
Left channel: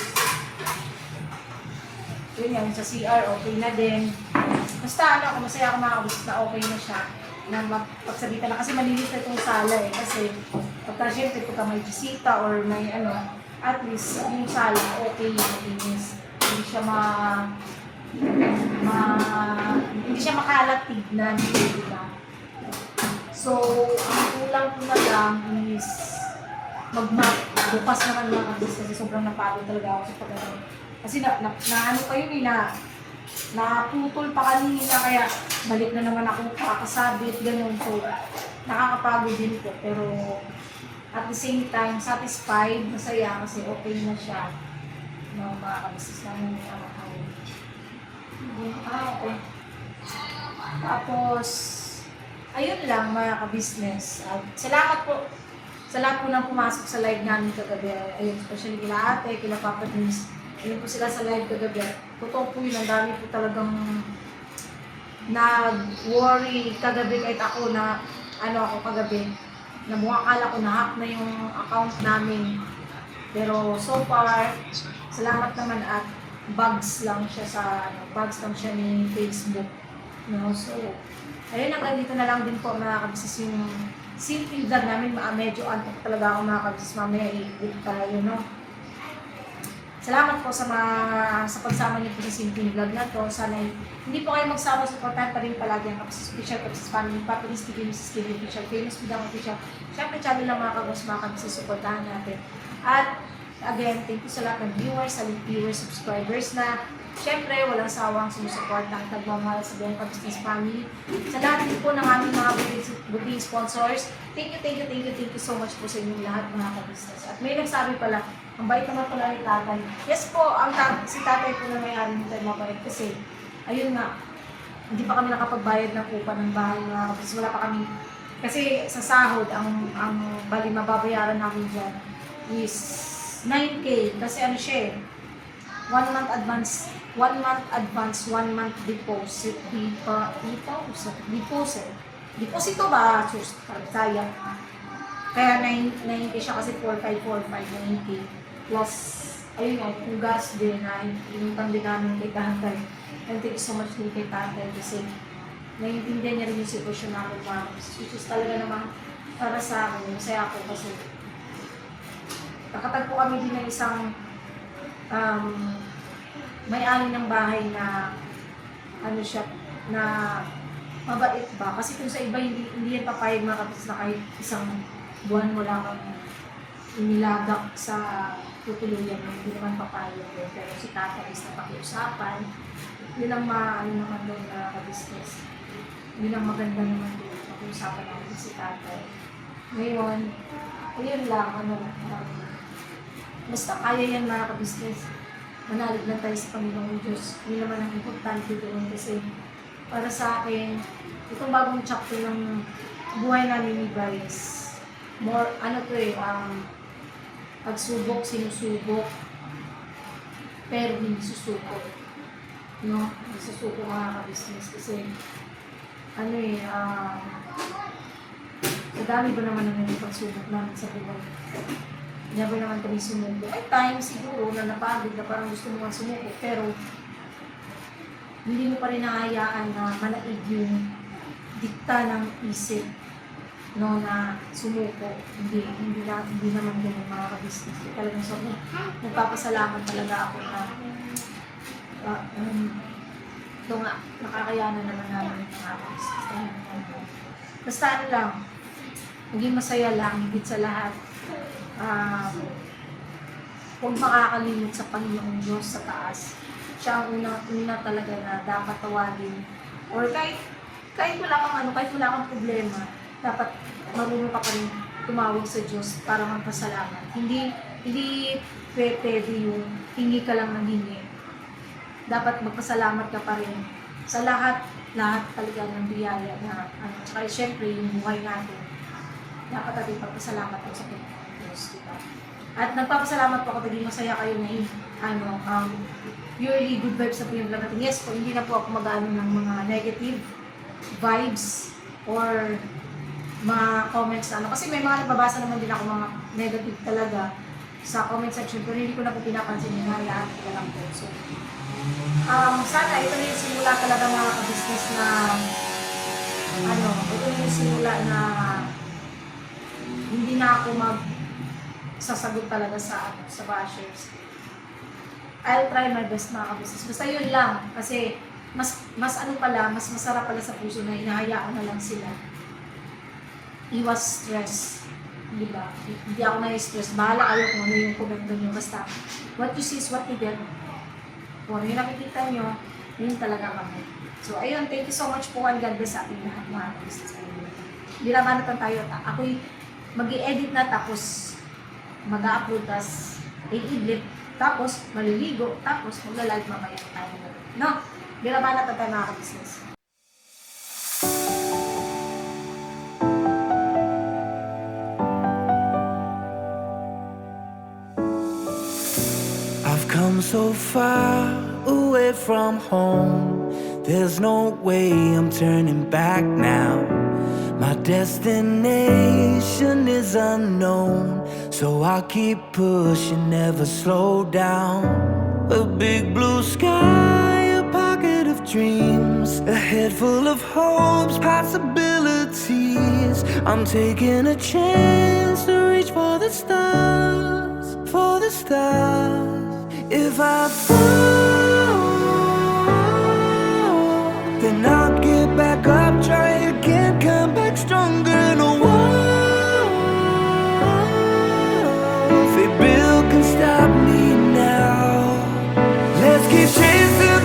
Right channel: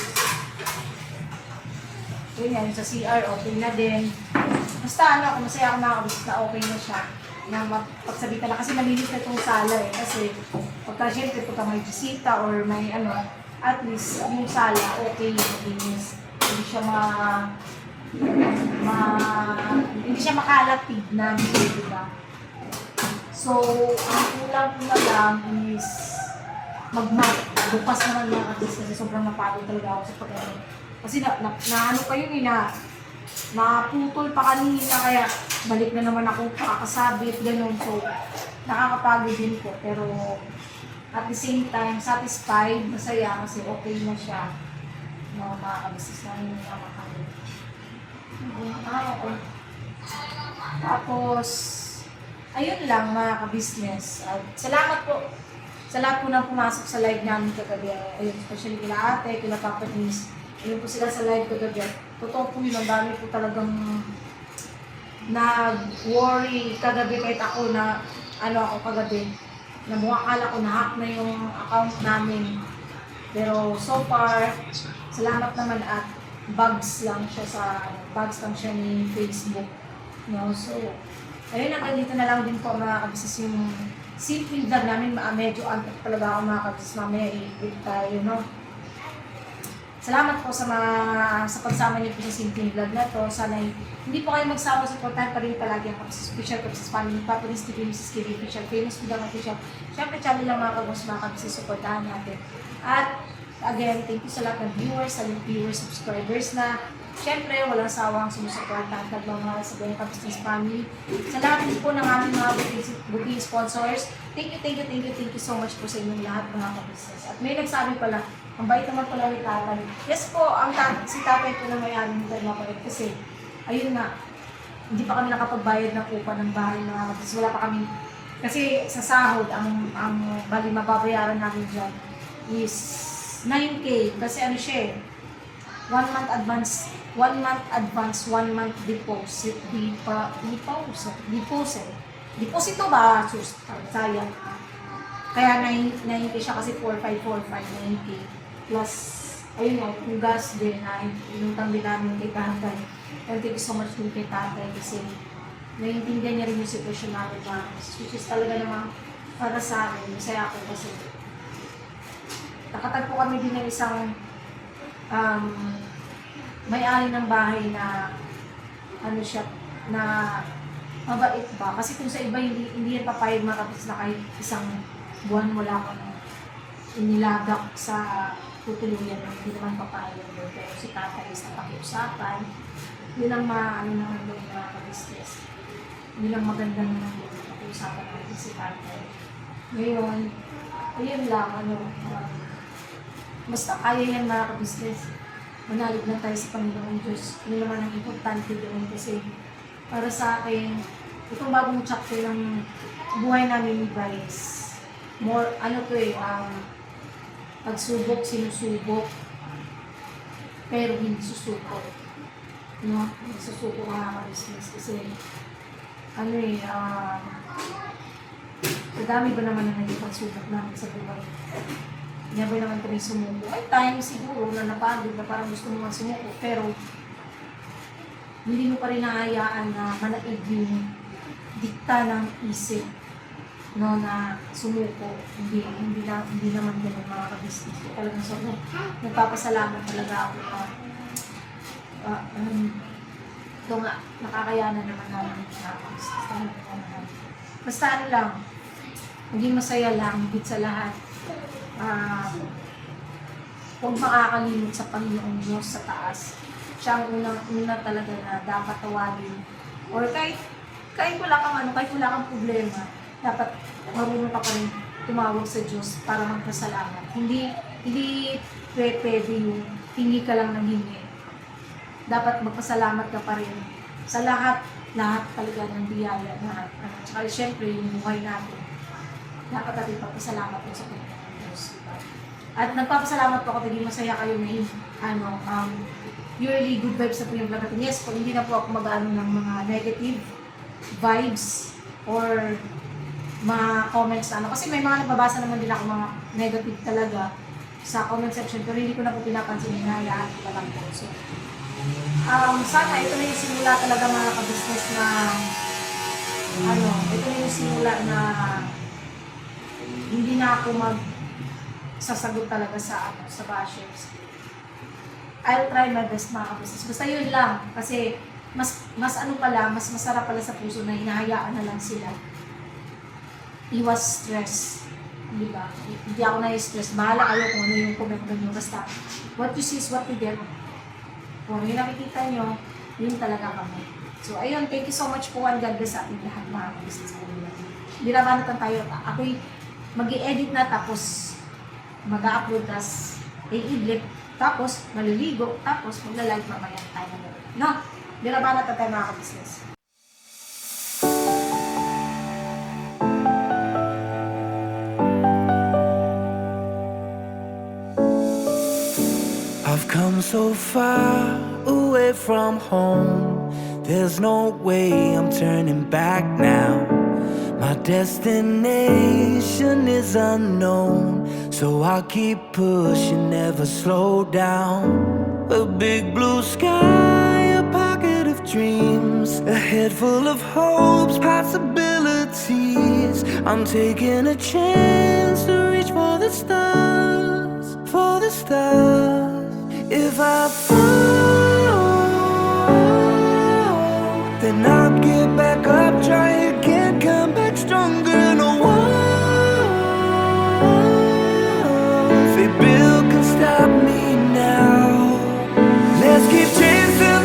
yun yan, sa CR, okay na din. Basta masaya ako mga kabisnes na okay na siya. Na mapagsabitan na kasi malinis na itong sala eh. Kasi syempre pagka may bisita or may at least yung sala okay yung malinis. Hindi siya makalat tignan, diba? So, ang kulang ko na lang is mag-map. Bukas naman mga kabisnes kasi sobrang napagod talaga ako sa pag-ano. Kasi pa yun naputol pa kanina kaya balik na naman ako kakasabit, gano'n. So, nakakapagod din po. Pero, at the same time, satisfied, masaya kasi okay na siya. Mga kabisnes namin yung mahal. Okay. Tapos, ayun lang mga kabisnes. Salamat po sa lahat po nang pumasok sa live namin kagabi. Ayun, especially kila ate, kila Papa Dins. Ayun po sila sa live kagabi. Totoo po yun, ang dami po talagang nag-worry kagabi kahit ako na ako kagabi. Na akala ko na-hack na yung account namin. Pero so far, salamat naman at bugs lang siya ni Facebook. No? So, ayun, dito na lang din po mga kabisnes yung simple vlog namin. Medyo antok talaga ako mga kabisnes. Mamaya i-edit tayo, no? Salamat po sa pagsama niyo po sa simple vlog na to. Sana hindi po kayo magsama, supportahan pa rin palagi ang Kabisnes Official, Kabisnes Family, Papa Dins TV, Mrs. Kiri Official, Famous Bidang Official. Siyempre, channel lang mga kabos, mga kabisnes, supportahan natin. At again, thank you sa lahat ng viewers, subscribers na siyempre, walang sawang sumusuporta ang tagmamahal sa buong Kabisnes Family. Sa lahat din po ng aming mga boutique sponsors, thank you so much po sa inyong lahat mga kabisnes. At may nagsabi pala, ang bait naman pala ni tatay. Yes po, si tatay po na may-ari nito mabait kasi, ayun nga, hindi pa kami nakapagbayad ng upa ng bahay mga kabisnes. Wala pa kami, kasi sa sahod, ang bali mababayaran namin dyan is 9K. Kasi siya 1 month advance, 1 month deposit. Deposito ba? Sus, sayang. Kaya 9K siya kasi 4545, 9K. Plus, ayun o, yung gas din na inutang din namin kay tatay. And thank you so much din kay tatay kasi naiintindihan niya rin yung sitwasyon namin na which is talaga namang para sa akin, masaya ako kasi nakatagpo kami din ng isang may-ari ng bahay na ano siya, na mabait ba? Kasi kung sa iba hindi yan papayag makapis na kahit isang buwan wala akong inilagak sa tutuluyan mo, hindi naman papayag doon. Pero si tatay is napakiusapan, yun ang ano naman doon na ka-business. Yun ang maganda naman doon, napakiusapan namin si tatay. Ngayon, ayun lang, basta kaya yan mga ka-business. Manalig lang tayo sa Panginoong Diyos. Yun naman ang importante doon kasi para sa akin, itong bagong chapter ng buhay namin ni Bryce, more, pagsubok, sinusubok, pero hindi susuko. No? Hindi susuko mga ka-business kasi, madami ba naman ang naging pagsubok namin sa buhay? Never naman kami sumuko. May time siguro na napagod na parang gusto mo sumuko, pero hindi mo pa rin nahayaan na manaig yung dikta ng isip, no, na sumuko. Hindi naman ganun mga ka-business. Talagang sobrang nagpapasalamat talaga ako na ito nga, nakakayanan naman namin yung mga ka-business. Basta ano lang, maging masaya lang, higit sa lahat. Huwag makakalimot sa Panginoong Diyos sa taas. Siya ang una talaga na dapat tawagin. Or kahit wala kang problema, dapat marunong ka pa rin tumawag sa Diyos para magpasalamat. Hindi pwede yung hingi ka lang ng hingi. Dapat magpasalamat ka pa rin sa lahat talaga ng biyaya na tsaka syempre yung buhay natin. Dapat natin pagpasalamat po sa Panginoon Diyos, diba? At nagpapasalamat po ako, naging masaya kayo na purely good vibes na po yung vlog natin. Yes po, hindi na po ako mag-ano ng mga negative vibes or mga comments na kasi may mga nababasa naman din ako mga negative talaga sa comment section, pero hindi ko na po pinapansin, hinahayaan ko lang po. So, sana ito na yung simula talaga mga ka-business na ito na yung simula na hindi na ako sasagot talaga sa bashers. I'll try my best mga ka-business. Basta yun lang. Kasi mas masarap pala sa puso na hinahayaan na lang sila. Iwas stress. Diba? Hindi ako na-stress. Bahala kayo kung ano yung comment nyo. Basta, what you see is what you get. Kung ano yung nakikita nyo, yun talaga kami. So, ayun. Thank you so much po. And God bless sa ating lahat mga ka-business. Birabanatan tayo. Ako'y mag-i-edit na tapos mag-a-upload, tas i-idlip, tapos maliligo, tapos magla-live mamaya tayo na gawin. No? Birabanat na tayo mga ka-business. I've come so far away from home. There's no way I'm turning back now. My destination is unknown, so I'll keep pushing, never slow down. A big blue sky, a pocket of dreams, a head full of hopes, possibilities. I'm taking a chance to reach for the stars, for the stars. If I fall, then I'll get back up, try again, come back stronger. No walls they build can stop me now. Let's keep chasing